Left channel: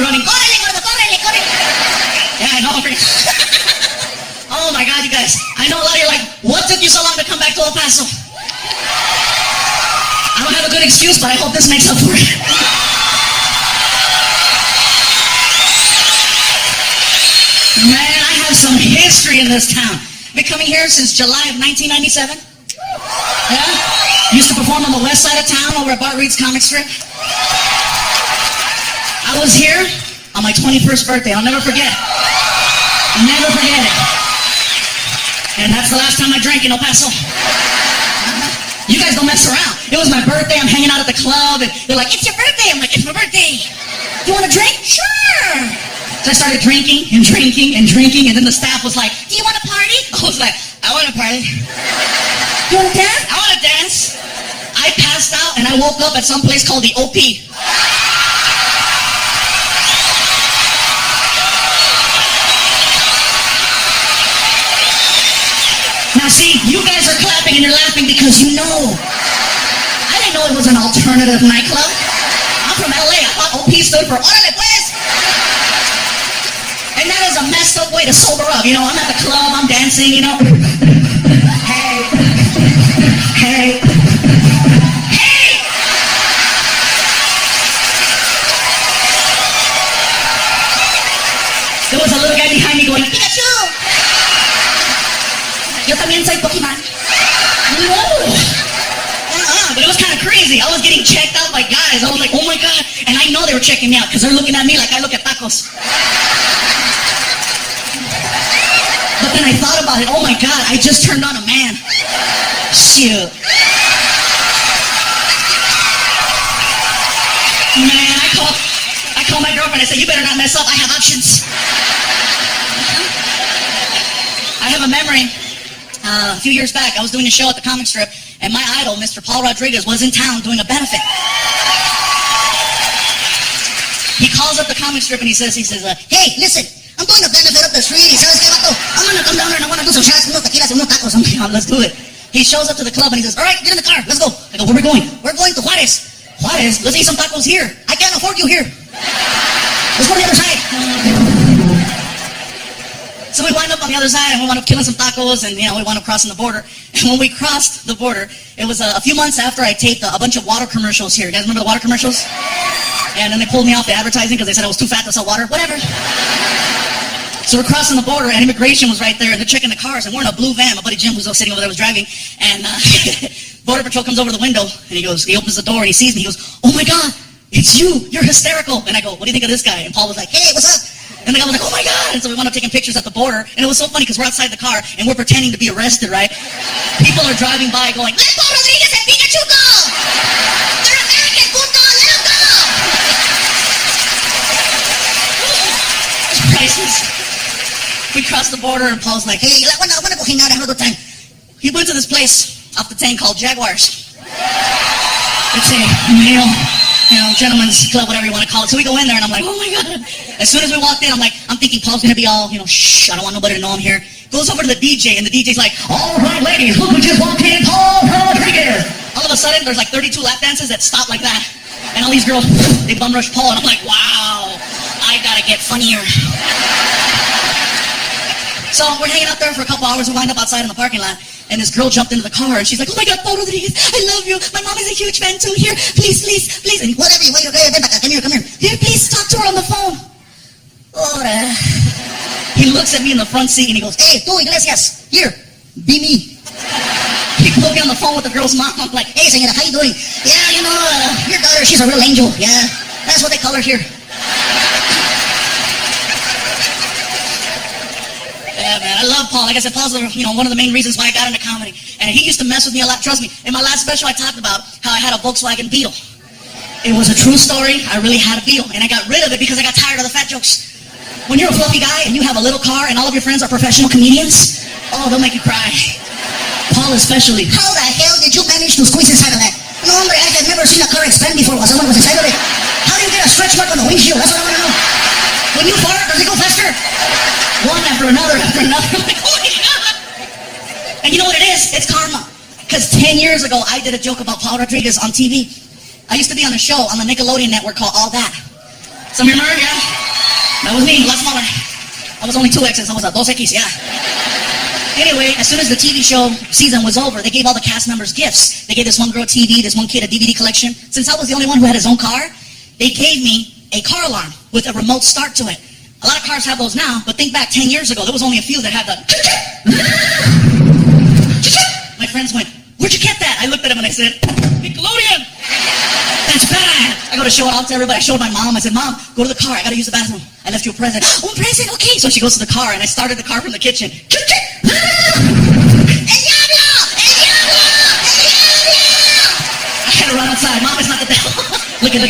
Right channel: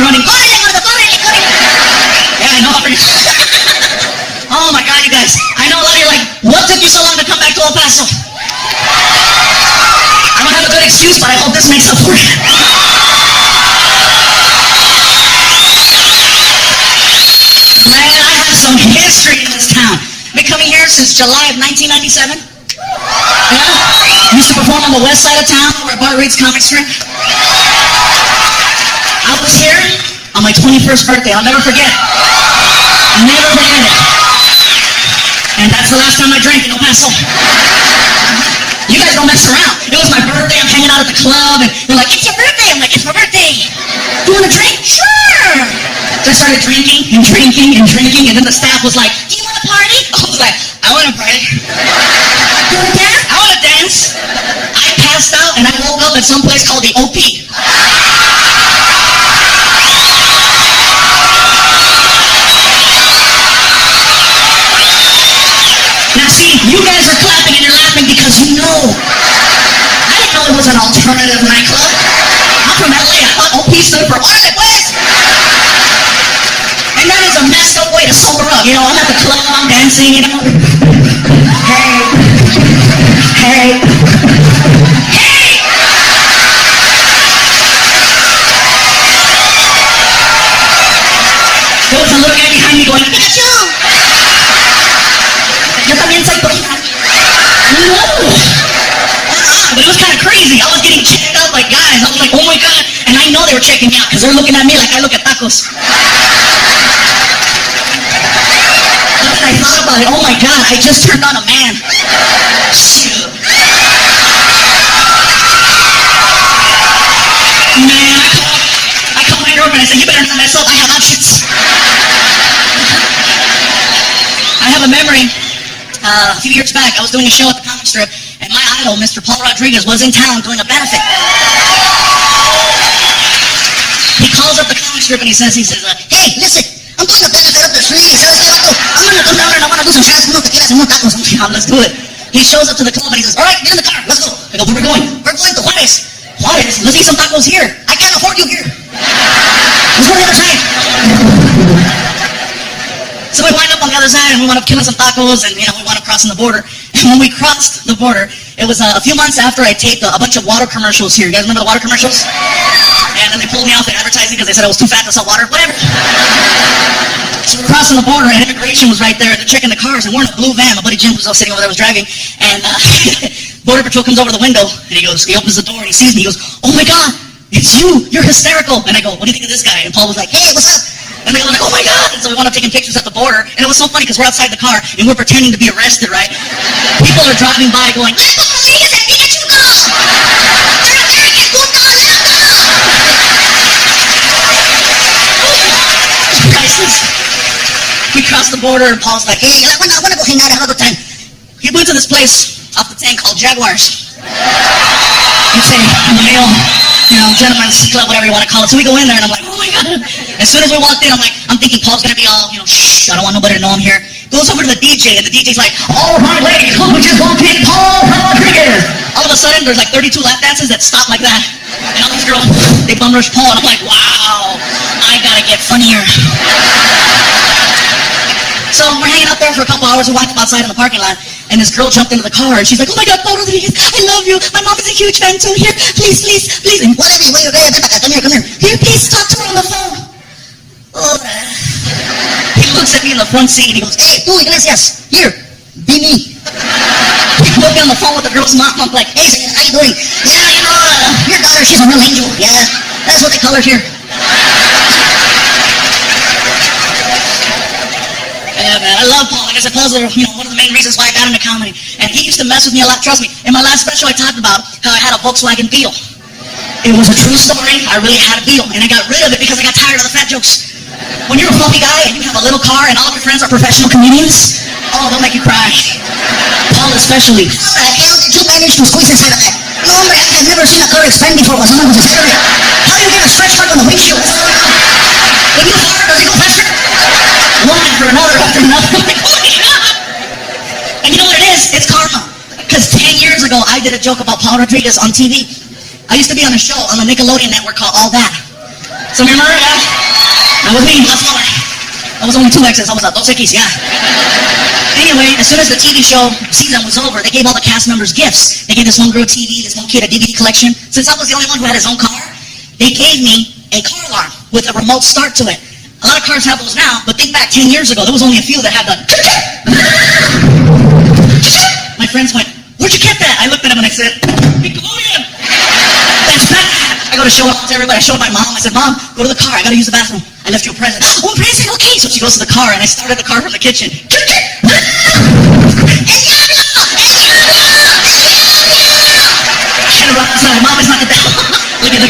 me running. Yeah, I know. Oh my God, you guys. I know a lot of you are like, what took you so long to come back to El Paso? I don't have a good excuse, but I hope this makes up for it. Man, I have some history in this town. Been coming here since July of 1997. Yeah? I used to perform on the west side of town over at Bart Reed's comic strip. I was here on my 21st birthday. I'll never forget it. I'll never forget it. And that's the last time I drank in El Paso. You guys don't mess around. It was my birthday. I'm hanging out at the club, and they're like, it's your birthday. I'm like, it's my birthday. You want a drink? Sure. So I started drinking, and then the staff was like, do you want to party? I was like, I want to party. You want to dance? I want to dance. I passed out, and I woke up at some place called the OP. Now see, you guys are clapping and you're laughing because you know. I didn't know it was an alternative nightclub. I'm from LA. I thought OP stood for Órale Pues. And that is a messed up way to sober up. You know, I'm at the club, I'm dancing, you know. Hey. Hey. Hey! There was a little guy behind me going, Pikachu! Yo también soy Pokemon. No! But it was kind of crazy. I was getting checked out by guys. I was like, oh my God. And I know they were checking me out because they're looking at me like I look at tacos. But then I thought about it. Oh my God, I just turned on a man. Shoot. Man, I called my girlfriend. I said, you better not mess up. I have options. I have a memory. A few years back, I was doing a show at the comic strip, and my idol, Mr. Paul Rodriguez, was in town doing a benefit. He calls up the comic strip and he says, hey, listen, I'm doing a benefit up the street. I'm going to come down there and I want to do some shots, unos tequilas and unos tacos. I'm like, let's do it. He shows up to the club and he says, all right, get in the car, let's go. I go, where are we going? We're going to Juarez. Juarez? Let's eat some tacos here. I can't afford you here. Let's go to the other side. So we wind up on the other side and we wound up killing some tacos and, we wound up crossing the border. And when we crossed the border, it was a few months after I taped a bunch of water commercials here. You guys remember the water commercials? And then they pulled me off the advertising because they said I was too fat to sell water. Whatever. So we're crossing the border and immigration was right there and they're checking the cars and we're in a blue van. My buddy Jim, who's sitting over there, was driving. And Border Patrol comes over the window and he opens the door and he sees me. He goes, oh my God, it's you. You're hysterical. And I go, what do you think of this guy? And Paul was like, hey, what's up? And the guy was like, oh my God. And so we wound up taking pictures at the border. And it was so funny because we're outside the car and we're pretending to be arrested, right? People are driving by going, let Paul Rodriguez and Pikachu go! They're American, puto, let them go! Priceless. We crossed the border and Paul's like, hey, I want to go hang out another time. He went to this place off the 10 called Jaguars. It's a male, gentleman's club, whatever you want to call it. So we go in there and I'm like, oh my God. As soon as we walked in, I'm thinking Paul's going to be all, shh, I don't want nobody to know I'm here. Goes over to the DJ and the DJ's like, all right, ladies, who just walked in? Paul Rodriguez. All of a sudden, there's like 32 lap dances that stop like that. And all these girls, they bum rush Paul. And I'm like, wow, I got to get funnier. So we're hanging out there for a couple hours. We wind up outside in the parking lot. And this girl jumped into the car and she's like, oh my God, Paul Rodriguez, I love you. My mom is a huge fan too. Here, please. And whatever, come here. Here, please talk to her on the phone. Ora. He looks at me in the front seat and he goes, hey, tú, Iglesias, here, be me. He put me on the phone with the girl's mom. I'm like, hey, señora, how you doing? Yeah, your daughter, she's a real angel. Yeah, that's what they call her here. Yeah, man, I love Paul. Like I said, Paul's one of the main reasons why I got into comedy. And he used to mess with me a lot. Trust me, in my last special I talked about how I had a Volkswagen Beetle. It was a true story. I really had a Beetle. And I got rid of it because I got tired of the fat jokes. When you're a fluffy guy and you have a little car and all of your friends are professional comedians, oh, they'll make you cry. Paul especially. How the hell did you manage to squeeze inside of that? No, hombre, I have never seen a car expand before. Was on the side of it. How do you get a stretch mark on the windshield? That's all I know. When you fart, does it go faster? One after another. Oh my God. And you know what it is? It's karma. Because 10 years ago, I did a joke about Paul Rodriguez on TV. I used to be on a show on the Nickelodeon network called All That. So So remember, yeah? That was me, a lot smaller. I was only 2Xs, I was a 2X, yeah. Anyway, as soon as the TV show season was over, they gave all the cast members gifts. They gave this one girl TV, this one kid a DVD collection. Since I was the only one who had his own car, they gave me a car alarm with a remote start to it. A lot of cars have those now, but think back 10 years ago, there was only a few that had the... My friends went, where'd you get that? I looked at him and I said, Nickelodeon! That's bad! I go to show it off to everybody. I showed my mom. I said, Mom, go to the car. I gotta use the bathroom. I left you a present. Oh, a present? Okay. So she goes to the car and I started the car from the kitchen. Had to run outside. Mom, it's not the devil. Look at.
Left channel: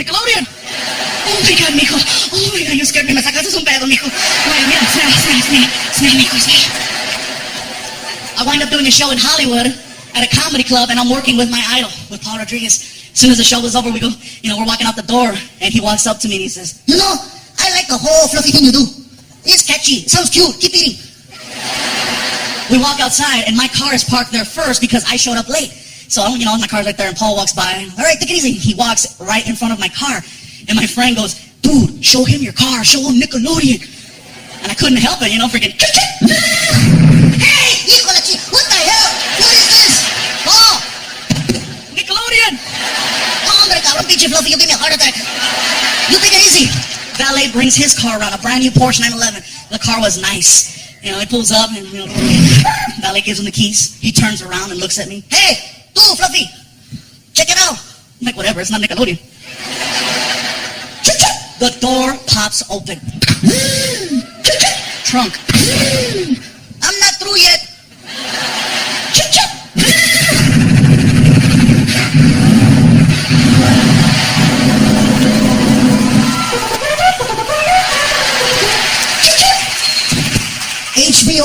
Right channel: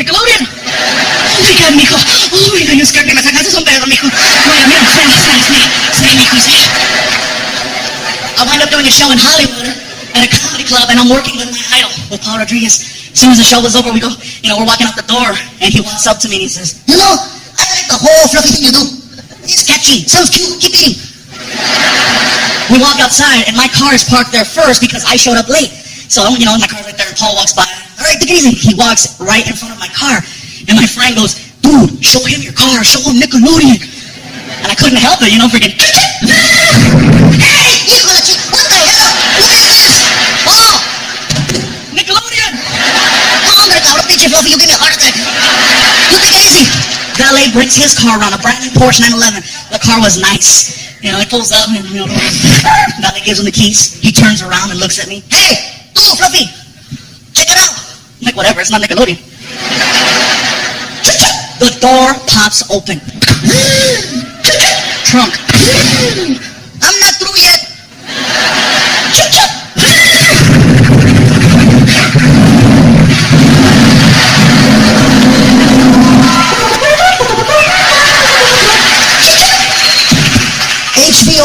Nickelodeon! Oh my God, mijo. Oh my God, you scared me. Me sacaste un pedo, mijo. Mira, stay, mijo. I wind up doing a show in Hollywood at a comedy club, and I'm working with my idol, with Paul Rodriguez. As soon as the show was over, we're walking out the door, and he walks up to me and he says, you know, I like the whole fluffy thing you do. It's catchy, sounds cute, keep eating. We walk outside, and my car is parked there first because I showed up late. So, my car's right there, and Paul walks by. All right, take it easy. He walks right in front of my car, and my friend goes, dude, show him your car, show him Nickelodeon. And I couldn't help it, freaking. Hey, what the hell? What is this? Oh, Nickelodeon. Oh, cabrón, pinche fluffy, you give me a heart attack. You take it easy. Valet brings his car around, a brand new Porsche 911. The car was nice. He pulls up and, Valet gives him the keys. He turns around and looks at me. Hey, tú, Fluffy, check it out. I'm like, whatever, it's not Nickelodeon. The door pops open. Trunk. I'm not through yet. HBO.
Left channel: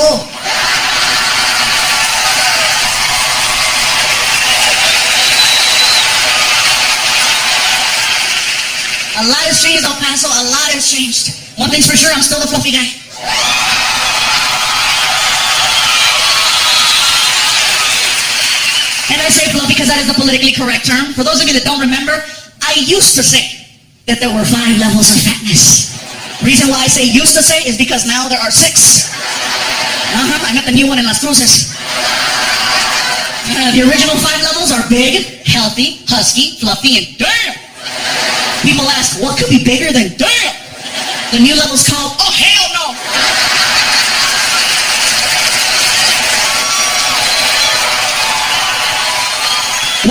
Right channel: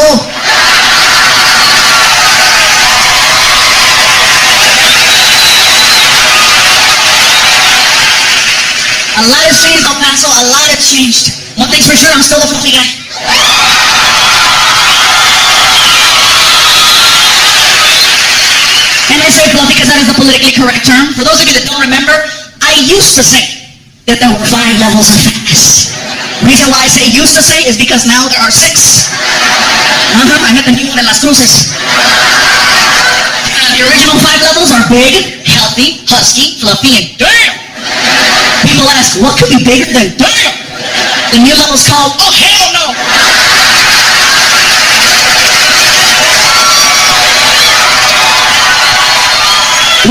A lot has changed, El Paso. A lot has changed. One thing's for sure, I'm still the fluffy guy. And I say fluffy because that is the politically correct term. For those of you that don't remember, I used to say that there were 5 levels of fatness. The reason why I say used to say is because now there are 6. I met the new one in Las Cruces. The original 5 levels are big, healthy, husky, fluffy, and damn! People ask, what could be bigger than damn? The new level's called, oh hell no!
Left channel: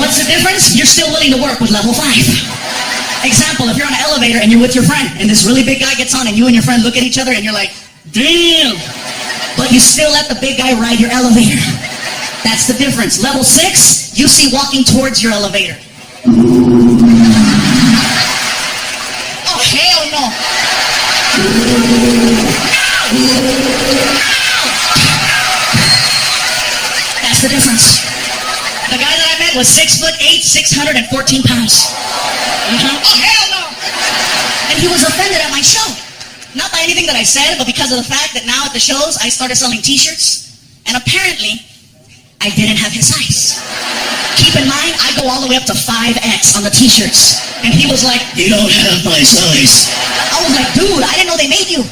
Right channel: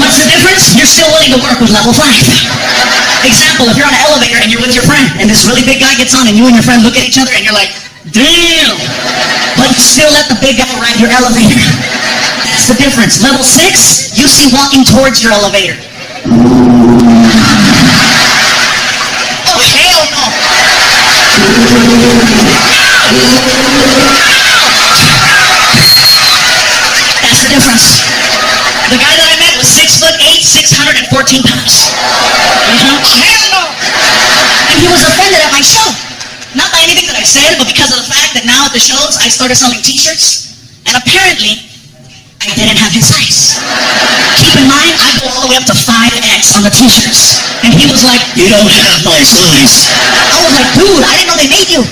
What's the difference? You're still willing to work with level 5. Example, if you're on an elevator and you're with your friend, and this really big guy gets on, and you and your friend look at each other, and you're like, damn! But you still let the big guy ride your elevator. That's the difference. Level 6, you see walking towards your elevator. Oh, hell no! That's the difference. The guy that I met was 6'8", 614 pounds. Oh, hell no! And he was offended at my show. Not by anything that I said, but because of the fact that now at the shows, I started selling t-shirts, and apparently, I didn't have his size. Keep in mind, I go all the way up to 5X on the t-shirts. And he was like, you don't have my size. I was like, dude, I didn't know they made you.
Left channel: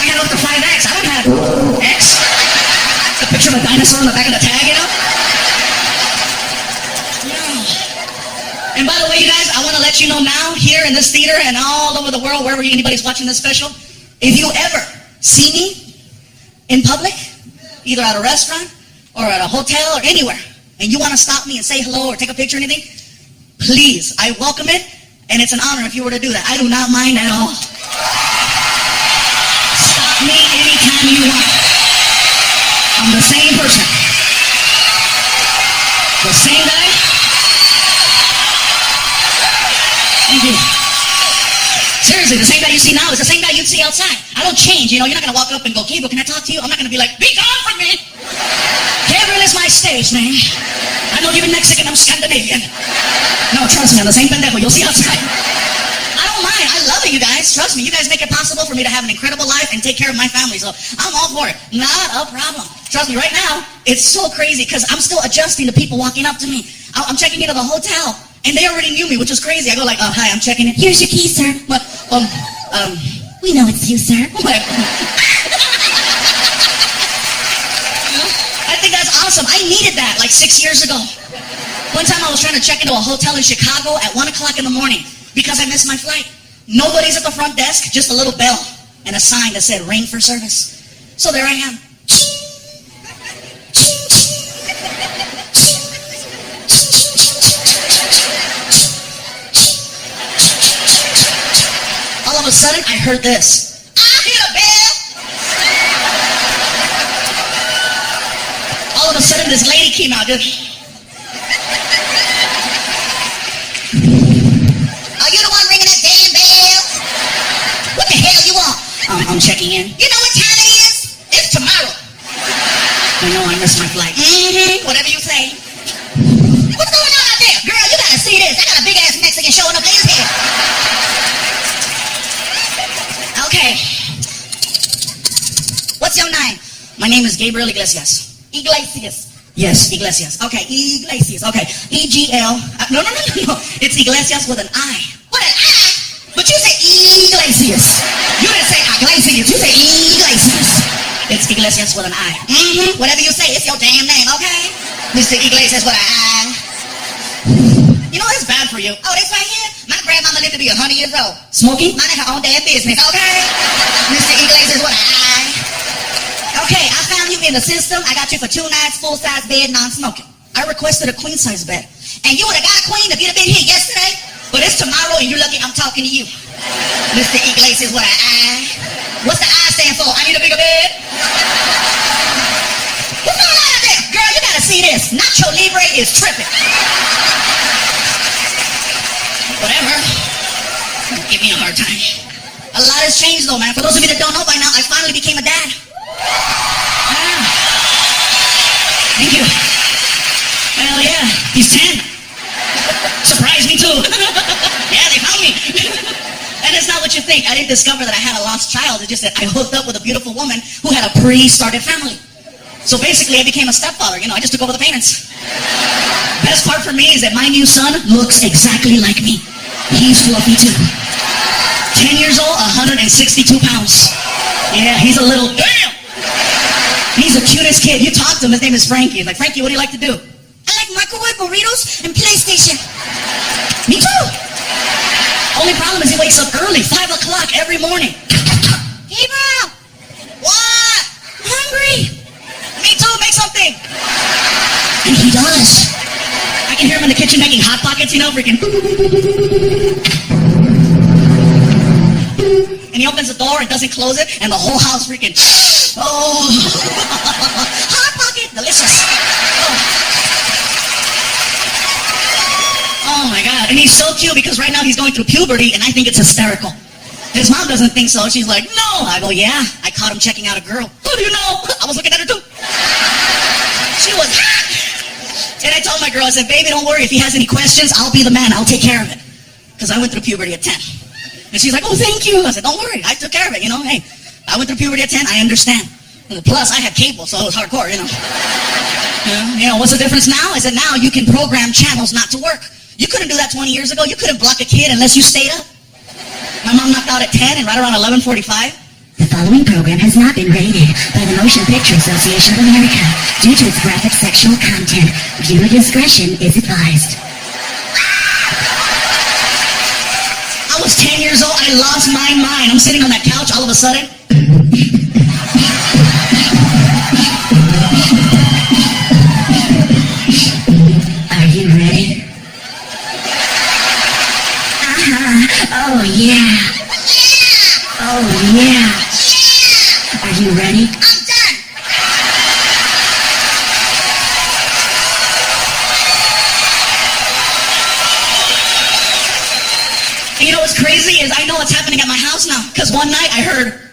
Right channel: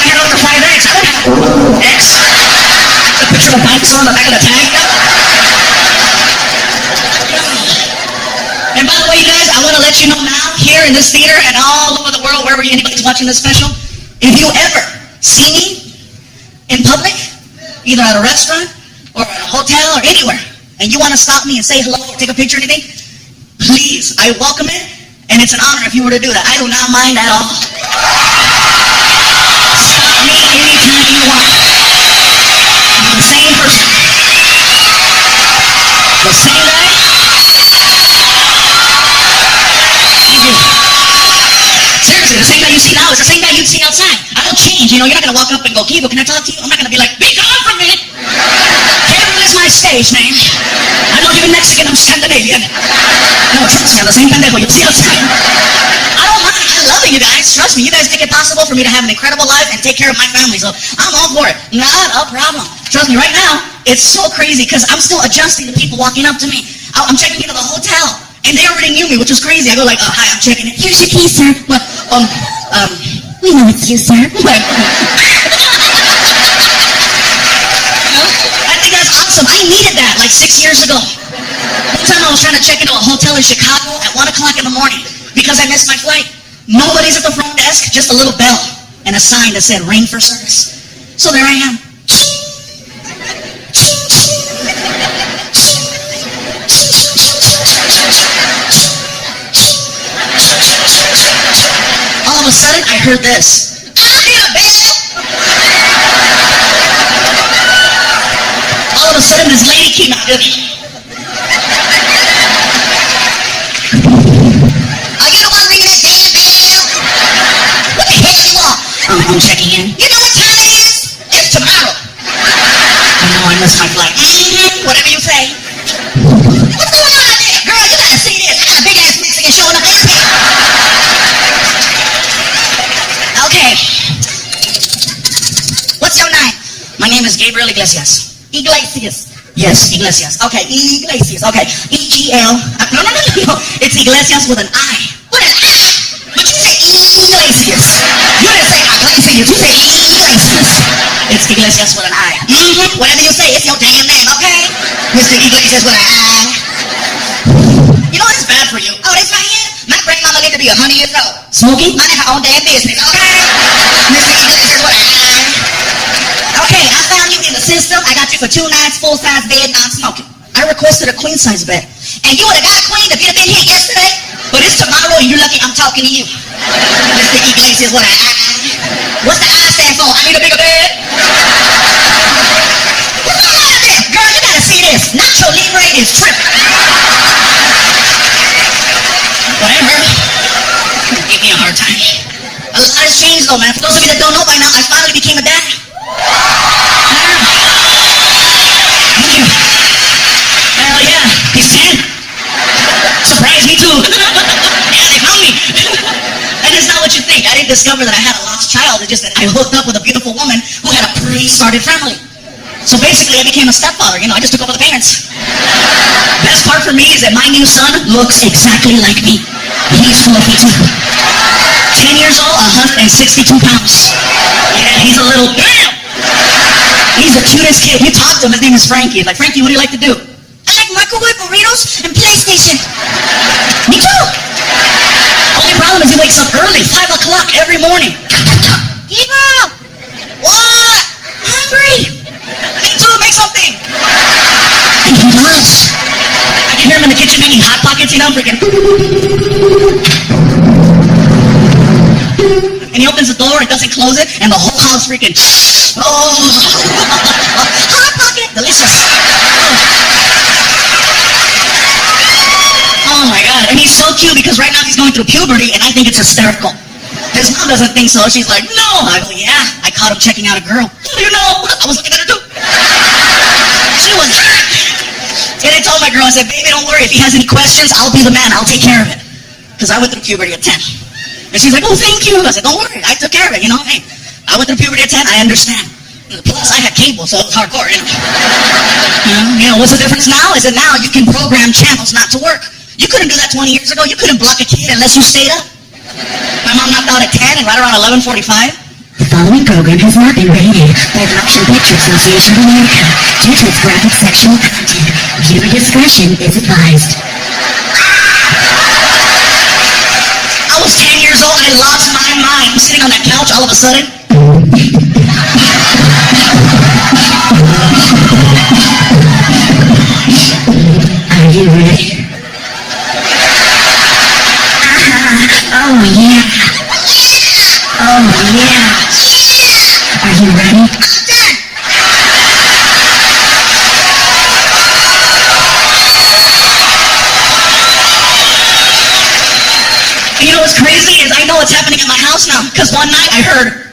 I had up to 5X, I don't have X. The picture of a dinosaur on the back of the tag, And by the way, you guys, I want to let you know now, here in this theater and all over the world, wherever anybody's watching this special, if you ever see me in public, either at a restaurant or at a hotel or anywhere, and you want to stop me and say hello or take a picture or anything, please, I welcome it, and it's an honor if you were to do that. I do not mind at all. Stop me anytime you want. I'm the same person. The same guy. Seriously, the same guy you see now is the same guy you'd see outside. I don't change, you're not going to walk up and go, Gabriel, can I talk to you? I'm not going to be like, be gone from me! Gabriel is my stage name. I'm not even Mexican, I'm Scandinavian. No, trust me, I'm the same pendejo you'll see outside. I don't mind, I love you guys, trust me. trust me, you guys make it possible for me to have an incredible life and take care of my family. So I'm all for it. Not a problem. Trust me, right now, it's so crazy because I'm still adjusting to people walking up to me. I'm checking into the hotel, and they already knew me, which was crazy. I go like, hi, I'm checking in. Here's your key, sir. Well, we know it's you, sir. I think that's awesome. I needed that like 6 years ago. One time I was trying to check into a hotel in Chicago at 1 o'clock in the morning because I missed my flight. Nobody's at the front desk, just a little bell and a sign that said ring for service. So there I am. All of a sudden, I heard this. I hit a bell. All of a sudden, this lady came out. Are you the one ringing that damn bell? What the hell you want? I'm checking in. You know what time it is? It's tomorrow. I know I missed my flight. Whatever you say. What's going on out there? Girl, you gotta see this. I got a big ass Mexican showing up in here. Okay. What's your name? My name is Gabriel Iglesias. Iglesias. Yes, Iglesias. Okay, Iglesias. Okay, E-G-L. No. It's Iglesias with an I. With an I? But you said Iglesias. You didn't say Iglesias. You said Iglesias. It's Iglesias with an I. Whatever you say, it's your damn name, okay? Mr. Iglesias with an I. You know, it's bad for you. Oh, that's right here? My grandmama lived to be 100 years old. Smoking? Minding her own damn business, okay? Mr. Iglesias with an I. Okay, I found you in the system. I got you for 2 nights, full-size bed, non-smoking. I requested a queen-size bed. And you would have got a queen if you'd have been here yesterday. But it's tomorrow and you're lucky I'm talking to you. Mr. Iglesias with an I. What's the I stand for? I need a bigger bed. What's going on out there? Girl, you gotta see this. Nacho Libre is tripping. Whatever. Give me a hard time. A lot has changed though, man. For those of you that don't know by now, I finally became a dad. Thank you. Hell yeah, he's 10. Surprised me too. Yeah, they found me. And it's not what you think. I didn't discover that I had a lost child. It's just that I hooked up with a beautiful woman who had a pre-started family. So basically, I became a stepfather. You know, I just took over the payments. Best part for me is that my new son looks exactly like me. He's fluffy too. 10 years old, 162 pounds. Yeah, he's a little damn. He's the cutest kid. You talk to him, his name is Frankie. Like, Frankie, what do you like to do? I like microwave burritos and PlayStation. Me too. Only problem is he wakes up early, 5 o'clock every morning. Gabriel! What? Hungry? Me too, make something. And he does. I can hear him in the kitchen making Hot Pockets, you know, freaking. And he opens the door and doesn't close it, and the whole house freaking, oh, Hot Pocket, delicious. Oh my God, and he's so cute because right now he's going through puberty, and I think it's hysterical. His mom doesn't think so. She's like, no. I go, yeah, I caught him checking out a girl. How do you know? I was looking at her too. She was, and I told my girl, I said, baby, don't worry. If he has any questions, I'll be the man. I'll take care of it. Because I went through puberty at 10. And she's like, oh, thank you. I said, don't worry. I took care of it, you know. Hey, I went through puberty at 10. I understand. Plus, I had cable, so it was hardcore, you know. You know, what's the difference now? Is that now you can program channels not to work. You couldn't do that 20 years ago. You couldn't block a kid unless you stayed up. My mom knocked out at 10 and right around 11:45. The following program has not been rated by the Motion Picture Association of America due to its graphic sexual content. Viewer discretion is advised. I was 10 years old. I lost my mind. I'm sitting on that couch all of a sudden. Are you ready? Oh yeah. Oh yeah. Are you ready? I'm done. And you know what's crazy is I know what's happening at my house now. Because one night I heard,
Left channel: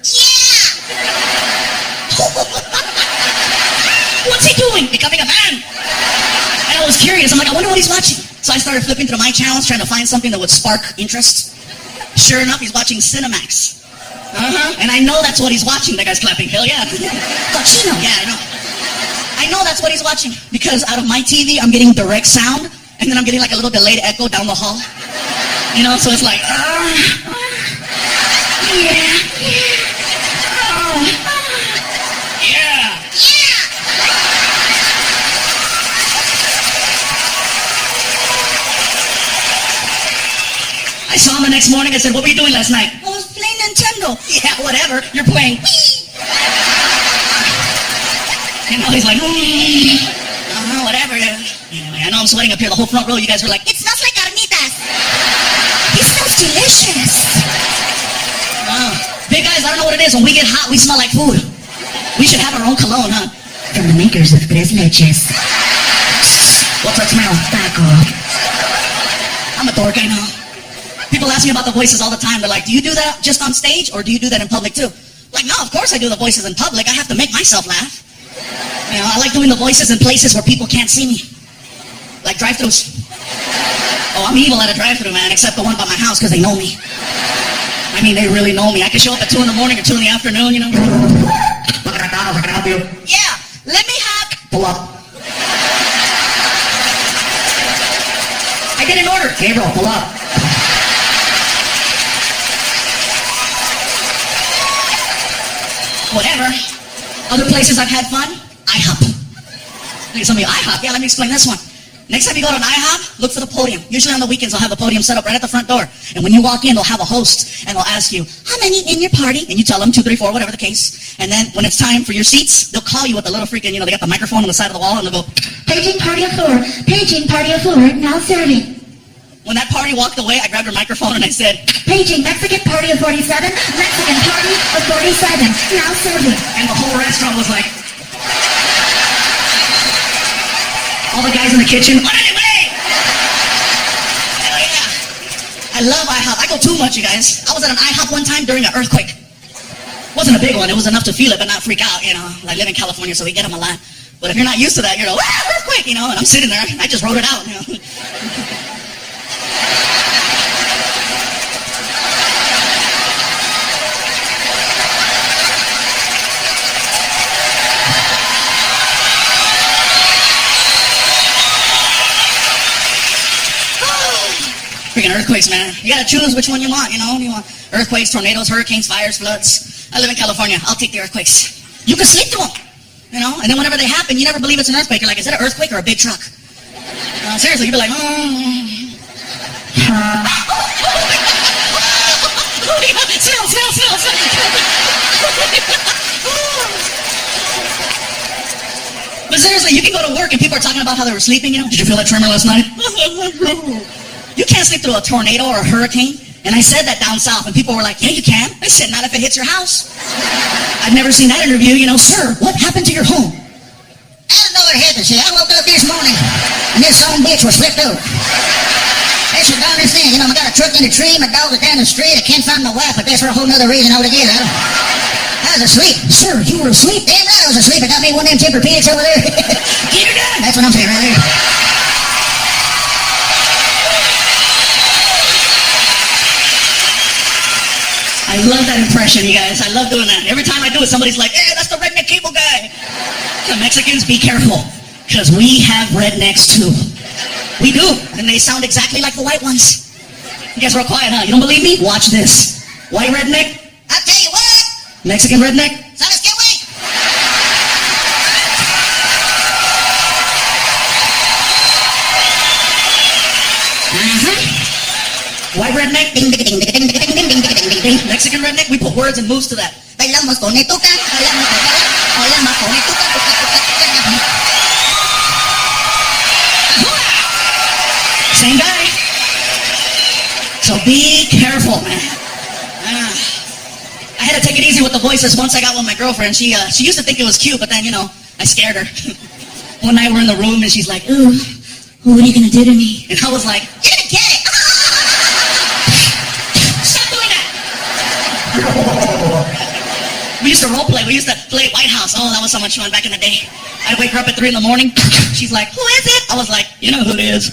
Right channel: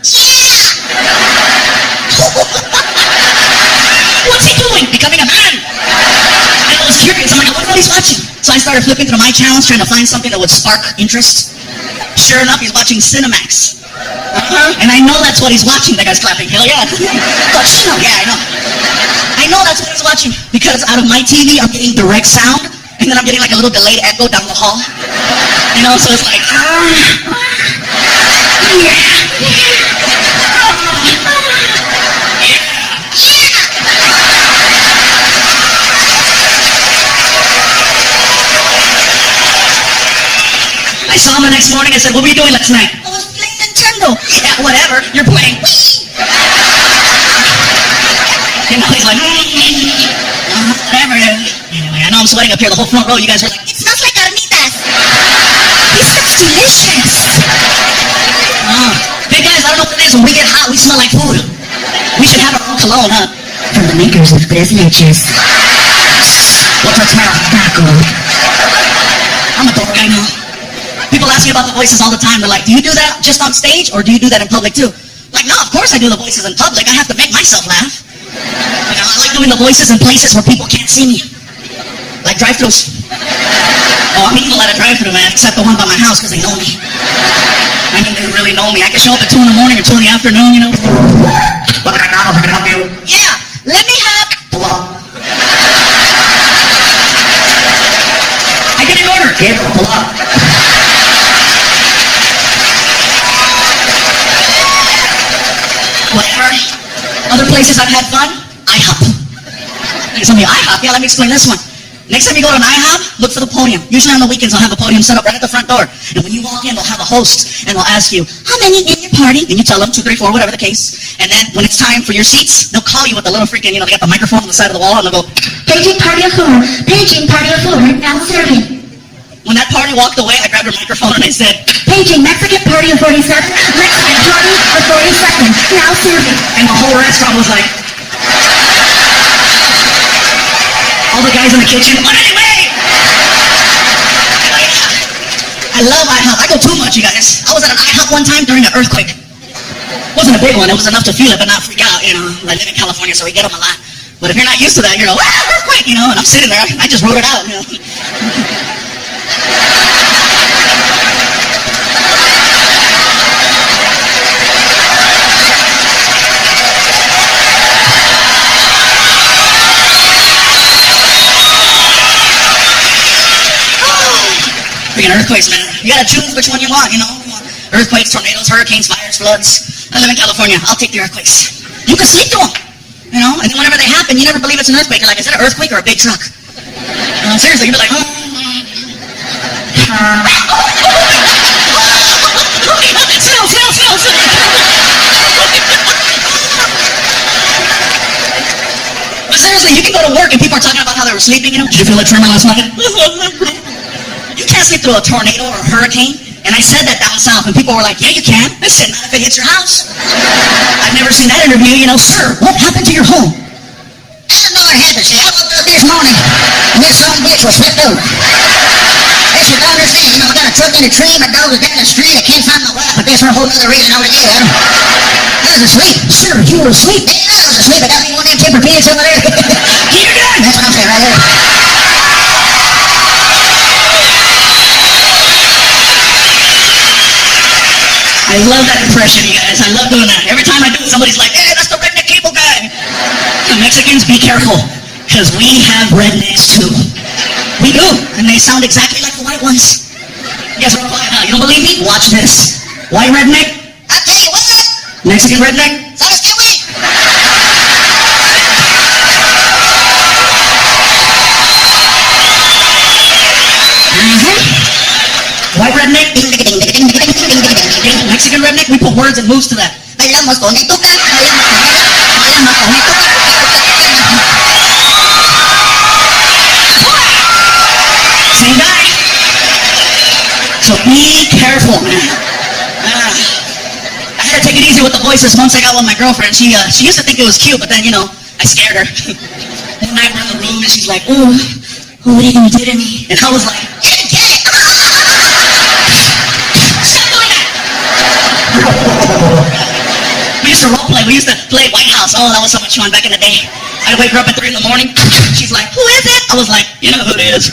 what's he doing? Becoming a man. And I was curious. I'm like, I wonder what he's watching. So I started flipping through my channels trying to find something that would spark interest. sure enough, he's watching Cinemax. And I know that's what he's watching. That guy's clapping. Hell yeah. Cochino. Yeah, I know. I know that's what he's watching because out of my TV, I'm getting direct sound, and then I'm getting like a little delayed echo down the hall. You know, so it's like, I saw him the next morning. I said, what were you doing last night? I was playing Nintendo. Yeah, whatever. You're playing. You know, he's like, whatever. Anyway, I know I'm sweating up here the whole front row. You guys were like, it smells like carnitas. It smells delicious. Big guys, I don't know what it is. When we get hot, we smell like food. We should have our own cologne, huh? From the makers of Tres Leches. What's that smell? Taco. I'm a dork, I know. People ask me about the voices all the time. They're like, do you do that just on stage or do you do that in public too? Like, no, of course I do the voices in public. I have to make myself laugh. You know, I like doing the voices in places where people can't see me. Like drive-thrus. Oh, I'm evil at a drive-thru, man, except the one by my house because they know me. I mean, they really know me. I can show up at 2 in the morning or 2 in the afternoon, you know. What can I help you? Yeah, let me have... Pull up. I get an order. Gabriel, pull up. Whatever. Other places I've had fun, IHOP. You tell me IHOP? Yeah, let me explain this one. Next time you go to an IHOP, look for the podium. Usually on the weekends, they'll have a podium set up right at the front door. And when you walk in, they'll have a host, and they'll ask you, how many in your party? And you tell them 2, 3, 4, whatever the case. And then when it's time for your seats, they'll call you with the little freaking, you know, they got the microphone on the side of the wall, and they'll go, Paging party of 4. Paging party of 4. Now serving. When that party walked away, I grabbed her microphone and I said, Paging Mexican party of 47. Mexican party of 47. Now serving. And the whole restaurant was like, all the guys in the kitchen, but anyway! I love IHOP. I go too much, you guys. I was at an IHOP one time during an earthquake. It wasn't a big one. It was enough to feel it, but not freak out, you know. I live in California, so we get them a lot. But if you're not used to that, you're like, earthquake, you know, and I'm sitting there. I just wrote it out, you know. Freaking earthquakes, man. You gotta choose which one you want, you know. You want earthquakes, tornadoes, hurricanes, fires, floods. I live in California. I'll take the earthquakes. You can sleep through them, you know. And then whenever they happen, you never believe it's an earthquake. You're like, is it an earthquake or a big truck? Seriously, you'd be like, Still. But seriously, you can go to work and people are talking about how they were sleeping, you know. Did you feel a tremor last night? You can't sleep through a tornado or a hurricane. And I said that down south, and people were like, yeah, you can. I said, not if it hits your house. I've never seen that interview, you know. Sir, what happened to your home? I don't know what happened. See, I woke up this morning, and this son bitch was flipped over. That's your daughter's thing. You know, I got a truck in a tree, my dog was down the street, I can't find my wife, but that's for a whole nother reason altogether. I was asleep. Sir, you were asleep? Damn right I was asleep. I got me one of them Tempur-Pedics over there. Get her done. That's what I'm saying right there. I love that impression, you guys. I love doing that. Every time I do it, somebody's like, hey, that's the redneck cable guy. The Mexicans, be careful, because we have rednecks too. We do, and they sound exactly like the white ones. You guys are all quiet, huh? You don't believe me? Watch this. White redneck? I'll tell you what. Mexican redneck? ¿Sabes qué, güey? White redneck? Ding, ding, ding, ding, ding, ding, ding, ding, ding, ding. Mexican redneck? We put words and moves to that. Bailamos con ituca, bailamos con ituca. Same guy. So be careful, man. I had to take it easy with the voices once I got with my girlfriend. She used to think it was cute, but then, you know, I scared her. One night we're in the room and she's like, ooh, what are you gonna do to me? And I was like, you're gonna get it. Stop doing that. We used to role play. We used to play White House. Oh, that was so much fun back in the day. I'd wake her up at 3 in the morning. She's like, who is it? I was like, you know who it is.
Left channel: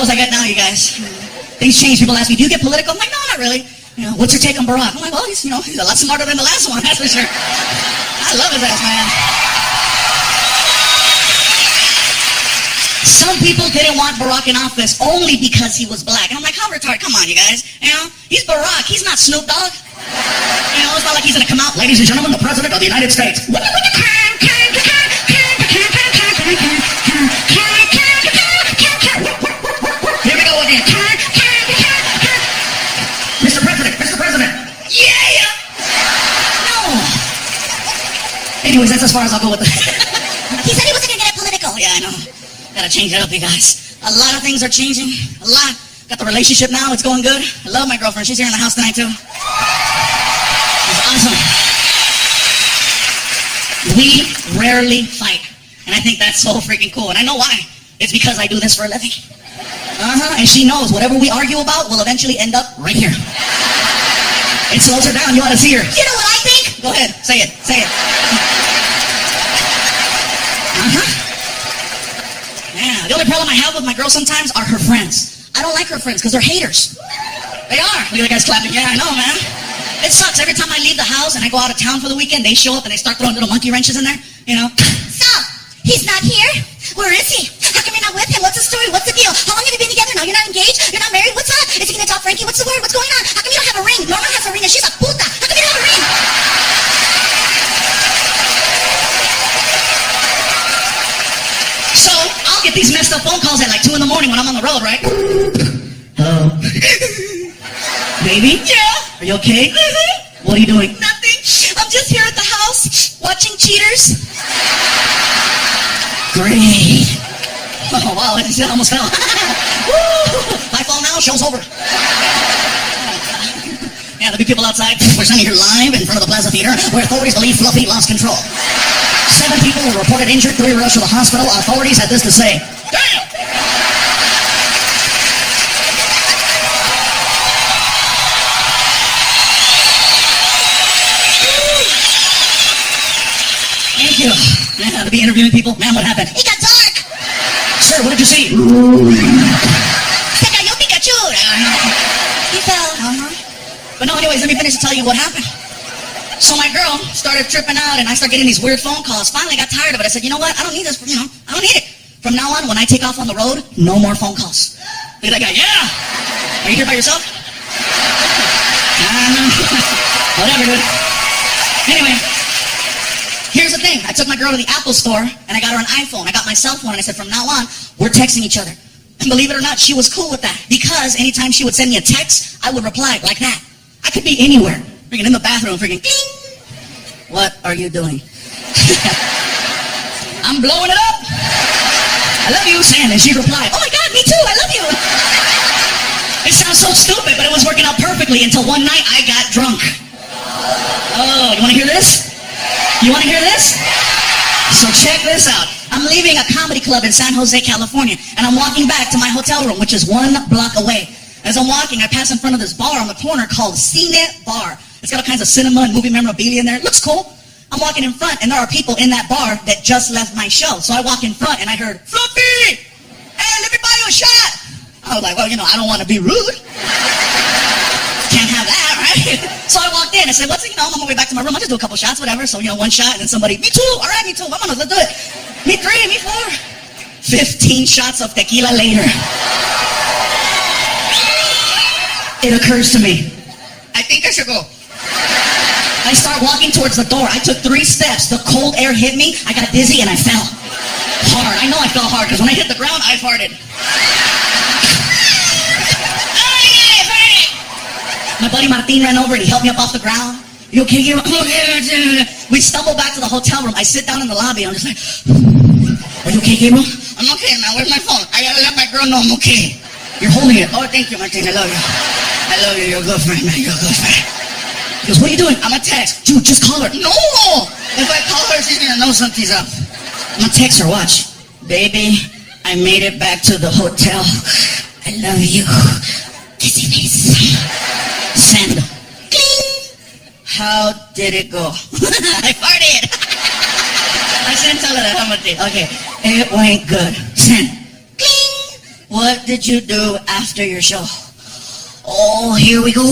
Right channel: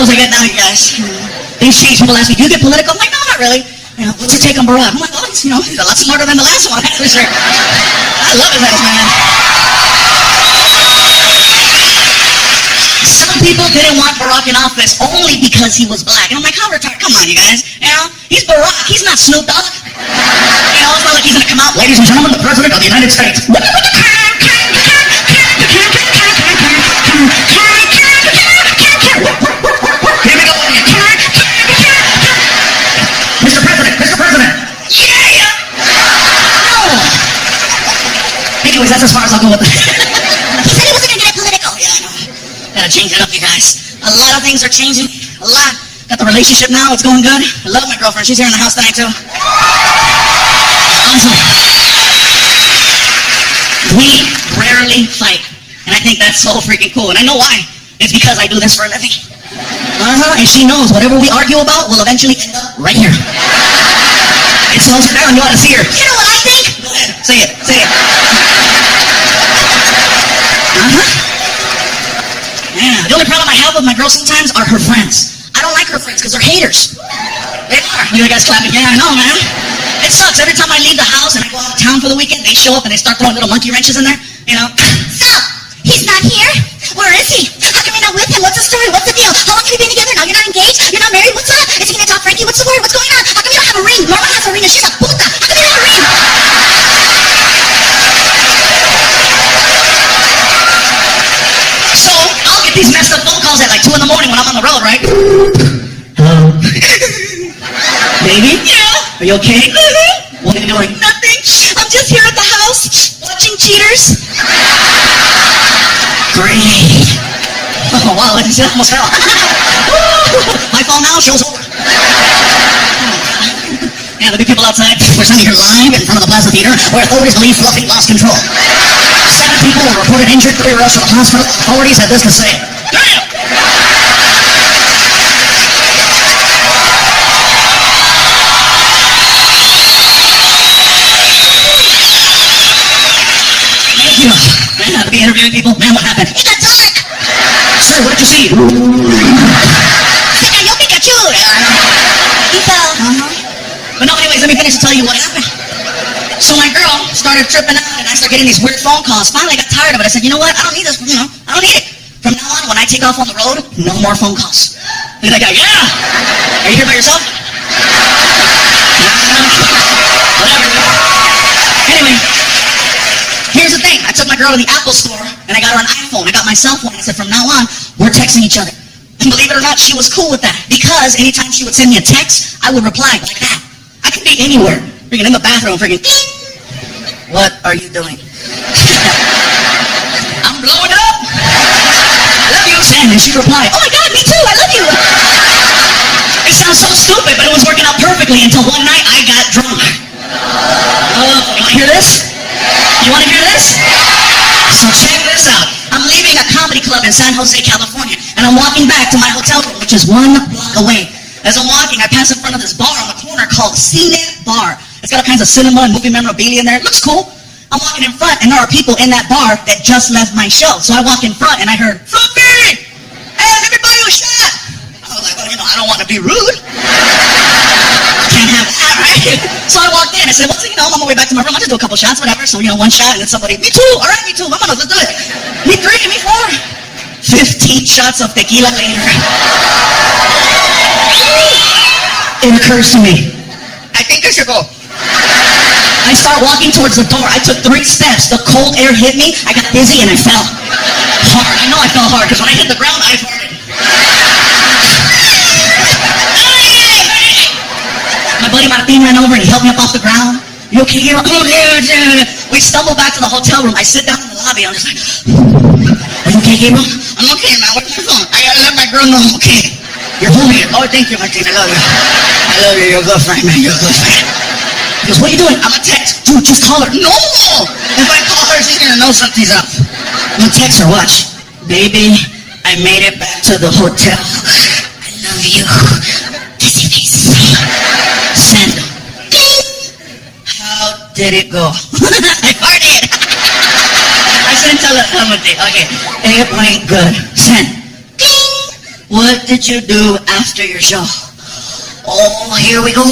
articles I get now, you guys. Things change. People ask me, do you get political? I'm like, no, not really. What's your take on Barack? I'm like, well, he's a lot smarter than the last one, that's for sure. I love his ass, man. Some people didn't want Barack in office only because he was black. And I'm like, how retarded? Come on, you guys. He's Barack. He's not Snoop Dogg. It's not like he's going to come out, ladies and gentlemen, the President of the United States. Anyways, that's as far as I'll go with that. He said he wasn't gonna get political. Yeah, I know. Gotta change it up, you guys. A lot of things are changing. A lot. Got the relationship now. It's going good. I love my girlfriend. She's here in the house tonight, too. She's awesome. We rarely fight. And I think that's so freaking cool. And I know why. It's because I do this for a living. And she knows whatever we argue about will eventually end up right here. It slows her down. You ought to see her. You know what I think? Go ahead. Say it. Say it. Yeah. The only problem I have with my girl sometimes are her friends. I don't like her friends because they're haters. They are. Look at the guys clapping. Yeah, I know, man. It sucks. Every time I leave the house and I go out of town for the weekend, they show up and they start throwing little monkey wrenches in there. So, he's not here? Where is he? How come you're not with him? What's the story? What's the deal? How long have you been together now? You're not engaged? You're not married? What's up? Is he gonna talk Frankie? What's the word? What's going on? How come you don't have a ring? Norma has a ring and she's a puta. How come you don't have a ring? So, I'll get these messed up phone calls at like 2 in the morning when I'm on the road, right? Hello? Baby? Yeah? Are you okay? What are you doing? Nothing. I'm just here at the house watching Cheaters. Great. Oh, wow, I almost fell. My fall now, show's over. Yeah, there'll be people outside. We're standing here live in front of the Plaza Theater where authorities believe Fluffy lost control. 7 people were reported injured, 3 rushed to the hospital. Authorities had this to say. Damn! Thank you. Man, to be interviewing people. Man, what happened? It got dark. Sir, what did you see? Se cayó Pikachu. He fell. But no, anyways, let me finish to tell you what happened. So my girl started tripping out and I started getting these weird phone calls. Finally, I got tired of it. I said, you know what? I don't need this, I don't need it. From now on, when I take off on the road, no more phone calls. Look at that guy. Yeah! Are you here by yourself? Whatever, dude. Anyway, here's the thing. I took my girl to the Apple store and I got her an iPhone. I got my cell phone and I said, from now on, we're texting each other. And believe it or not, she was cool with that. Because anytime she would send me a text, I would reply like that. I could be anywhere. Freaking in the bathroom, freaking ding. What are you doing? I'm blowing up. I love you, Sam. And she replied, oh my God, me too, I love you. It sounds so stupid, but it was working out perfectly until one night I got drunk. Oh, you want to hear this? You want to hear this? So check this out. I'm leaving a comedy club in San Jose, California, and I'm walking back to my hotel room, which is 1 block away. As I'm walking, I pass in front of this bar on the corner called Cine Bar. It's got all kinds of cinema and movie memorabilia in there. It looks cool. I'm walking in front, and there are people in that bar that just left my show. So I walk in front, and I heard, Fluffy! Hey, let me buy you a shot! I was like, well, I don't want to be rude. Can't have that, right? So I walked in. I said, what's it? I'm on my way back to my room. I'll just do a couple shots, whatever. So, 1 shot, and then somebody, me too. All right, me too. Let's do it. Me 3, me 4. 15 shots of tequila later. It occurs to me, I think I should go. I start walking towards the door. I took 3 steps. The cold air hit me. I got dizzy and I fell hard. I know I fell hard because when I hit the ground, I farted. My buddy Martin ran over and he helped me up off the ground. You okay, Gabriel? Okay. We stumble back to the hotel room. I sit down in the lobby. I'm just like, are you okay, Gabriel? I'm okay, man. Where's my phone? I gotta let my girl know I'm okay. You're holding it. Oh, thank you, Martin. I love you. I love you. You're a good friend, man. You're a good friend. He goes, what are you doing? I'm gonna text. Dude, just call her. No! If I call her, she's gonna know something's up. I'm gonna text her. Watch. Baby, I made it back to the hotel. I love you. Kissy face. Send. How did it go? I farted. I shouldn't tell her that. I'm gonna take. Okay. It went good. Send. what did you do after your show? Oh, here we go.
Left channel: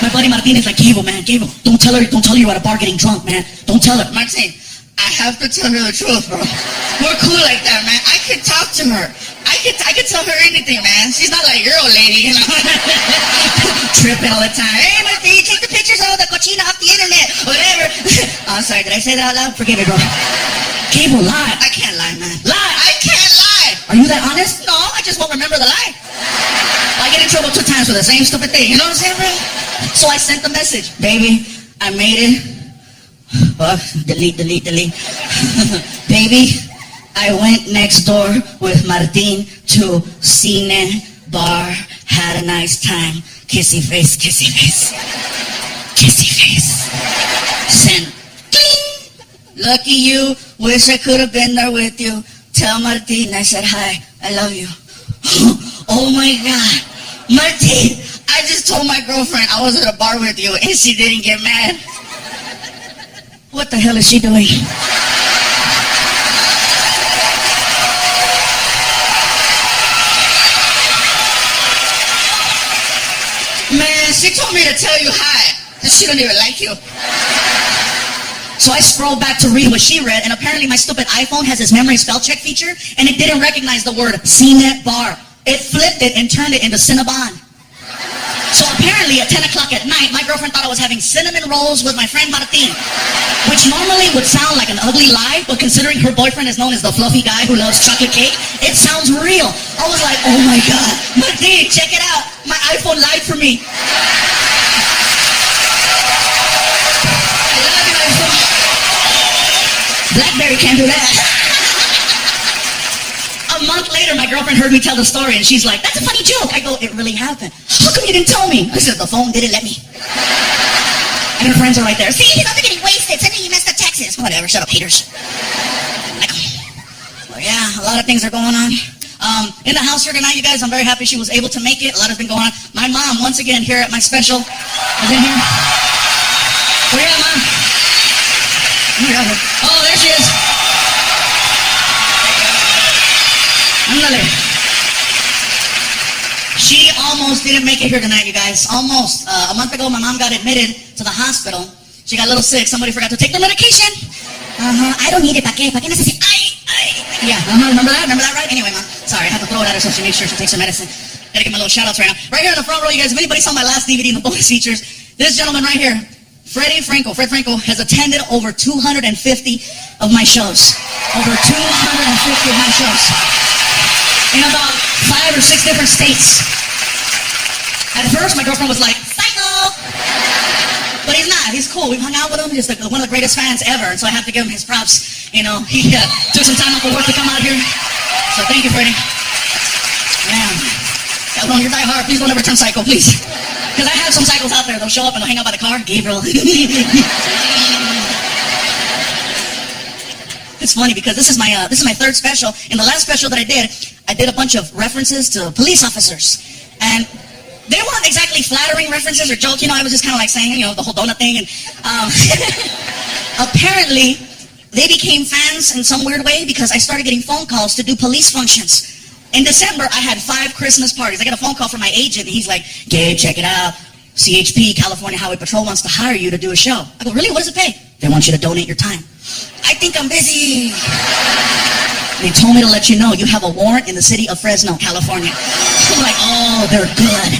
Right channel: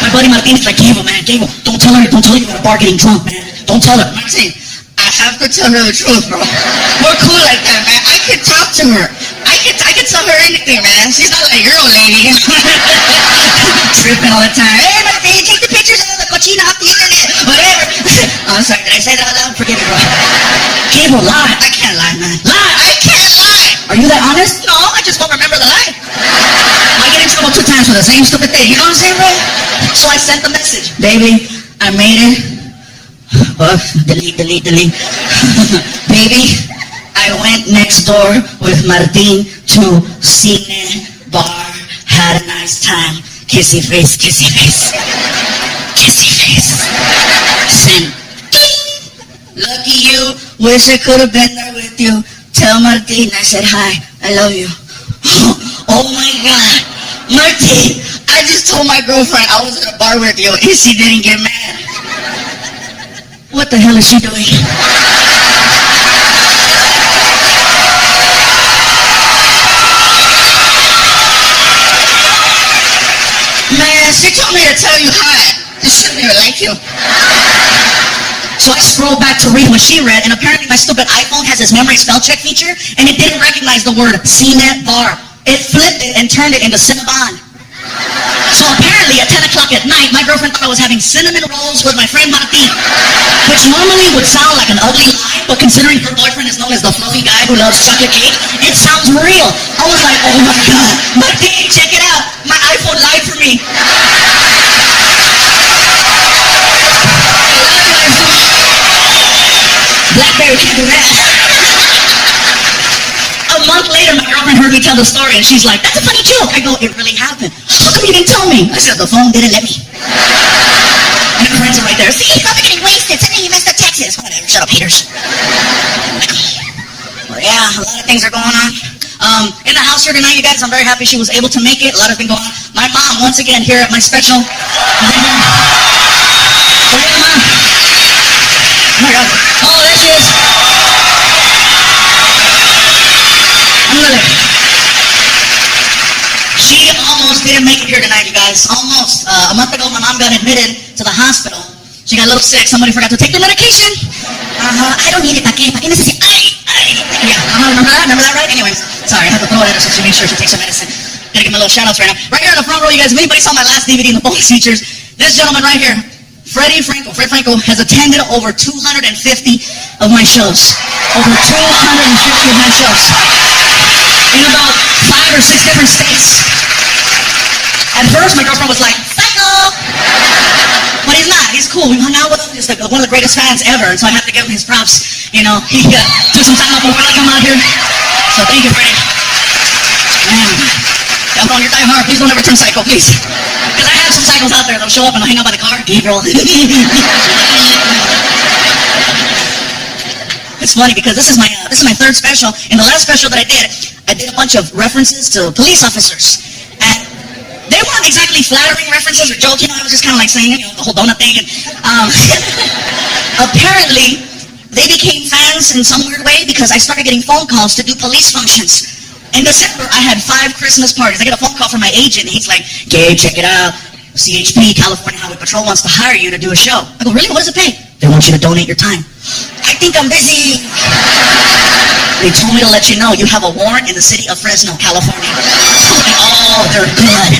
My buddy Martin is like, Gabriel, man, Gabriel, don't tell her you were at a bar getting drunk, man. Don't tell her. Martin, I have to tell her the truth, bro. We're cool like that, man. I can talk to her. I can tell her anything, man. She's not like your old lady. Tripping all the time. Hey, Martin, take the pictures out of the cochina off the internet. Whatever. Oh, I'm sorry. Did I say that out loud? Forgive me, bro. Gabriel, lie. I can't lie, man. Lie. I can't lie. Are you that honest? No, I just won't remember the lie. I get in trouble 2 times for the same stupid thing. You know what I'm saying, bro? So I sent the message. Baby, I made it. Oh, delete. Baby, I went next door with Martin to Cine Bar. Had a nice time. Kissy face. Send. Lucky you. Wish I could have been there with you. Tell Martin I said hi. I love you. Oh my God. Martin, I just told my girlfriend I was at a bar with you and she didn't get mad. what the hell is she doing? Man, she told me to tell you hi. She don't even like you. So I scrolled back to read what she read, and apparently my stupid iPhone has this memory spell check feature, and it didn't recognize the word Cine Bar. It flipped it and turned it into Cinnabon. So apparently at 10 o'clock at night, my girlfriend thought I was having cinnamon rolls with my friend Martin, which normally would sound like an ugly lie, but considering her boyfriend is known as the fluffy guy who loves chocolate cake, it sounds real. I was like, oh my God, Martin, check it out. My iPhone lied for me. BlackBerry can't do that. A month later, my girlfriend heard me tell the story, and she's like, that's a funny joke. I go, it really happened. How come you didn't tell me? I said, the phone didn't let me. And her friends are right there. See, he's not getting wasted. Sending you messed up Texas. Whatever, shut up, haters. Well, yeah, a lot of things are going on. In the house here tonight, you guys, I'm very happy she was able to make it. A lot has been going on. My mom, once again, here at my special, is in here. Oh, yeah, Mom. Oh, my God. Oh, there she is. She almost didn't make it here tonight, you guys. Almost. A month ago, my mom got admitted to the hospital. She got a little sick. Somebody forgot to take their medication. I don't need it. ¿Para qué? ¿Para qué necesito? Yeah, remember that, right? Anyway, Mom, sorry, I had to throw it at her so she made sure she takes her medicine. Gotta give my little shout-outs right now. Right here in the front row, you guys, if anybody saw my last DVD in the bonus features, this gentleman right here, Fred Franco, has attended over 250 of my shows. Over 250 of my shows. In about 5 or 6 different states. At first, my girlfriend was like, psycho! But he's not. He's cool. We hung out with him. He's like one of the greatest fans ever, and so I have to give him his props. You know, he took some time off of work to come out here. So thank you, Freddie. Man, y'all know you're dying hard. Please don't ever turn psycho, please. Because I have some psychos out there that'll show up and they'll hang out by the car. Gabriel. It's funny because this is my 3rd special. In the last special that I did a bunch of references to police officers, and they weren't exactly flattering references or jokes. You know, I was just kind of like saying, you know, the whole donut thing. And apparently, they became fans in some weird way because I started getting phone calls to do police functions. In December, I had 5 Christmas parties. I get a phone call from my agent, and he's like, Gabe, check it out. CHP, California Highway Patrol, wants to hire you to do a show. I go, really? What does it pay? They want you to donate your time. I think I'm busy. They told me to let you know you have a warrant in the city of Fresno, California. I'm like, oh, they're good.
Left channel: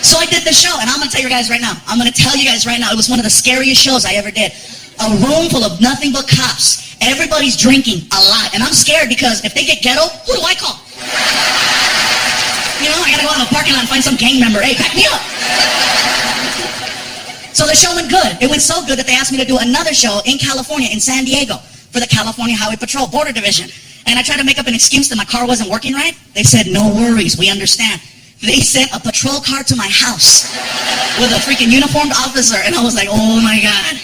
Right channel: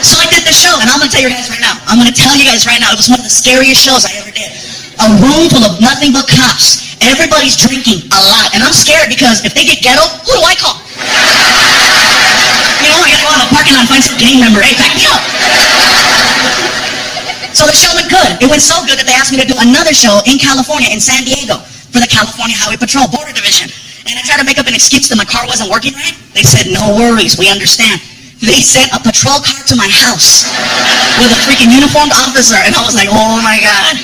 So I did the show, and I'm going to tell you guys right now. It was one of the scariest shows I ever did. A room full of nothing but cops. Everybody's drinking a lot, and I'm scared because if they get ghetto, who do I call? You know, I gotta go out in the parking lot and find some gang member. Hey, back me up. So the show went good. It went so good that they asked me to do another show in California, in San Diego, for the California Highway Patrol Border Division. And I tried to make up an excuse that my car wasn't working right. They said, no worries, we understand. They sent a patrol car to my house with a freaking uniformed officer, and I was like, oh my God.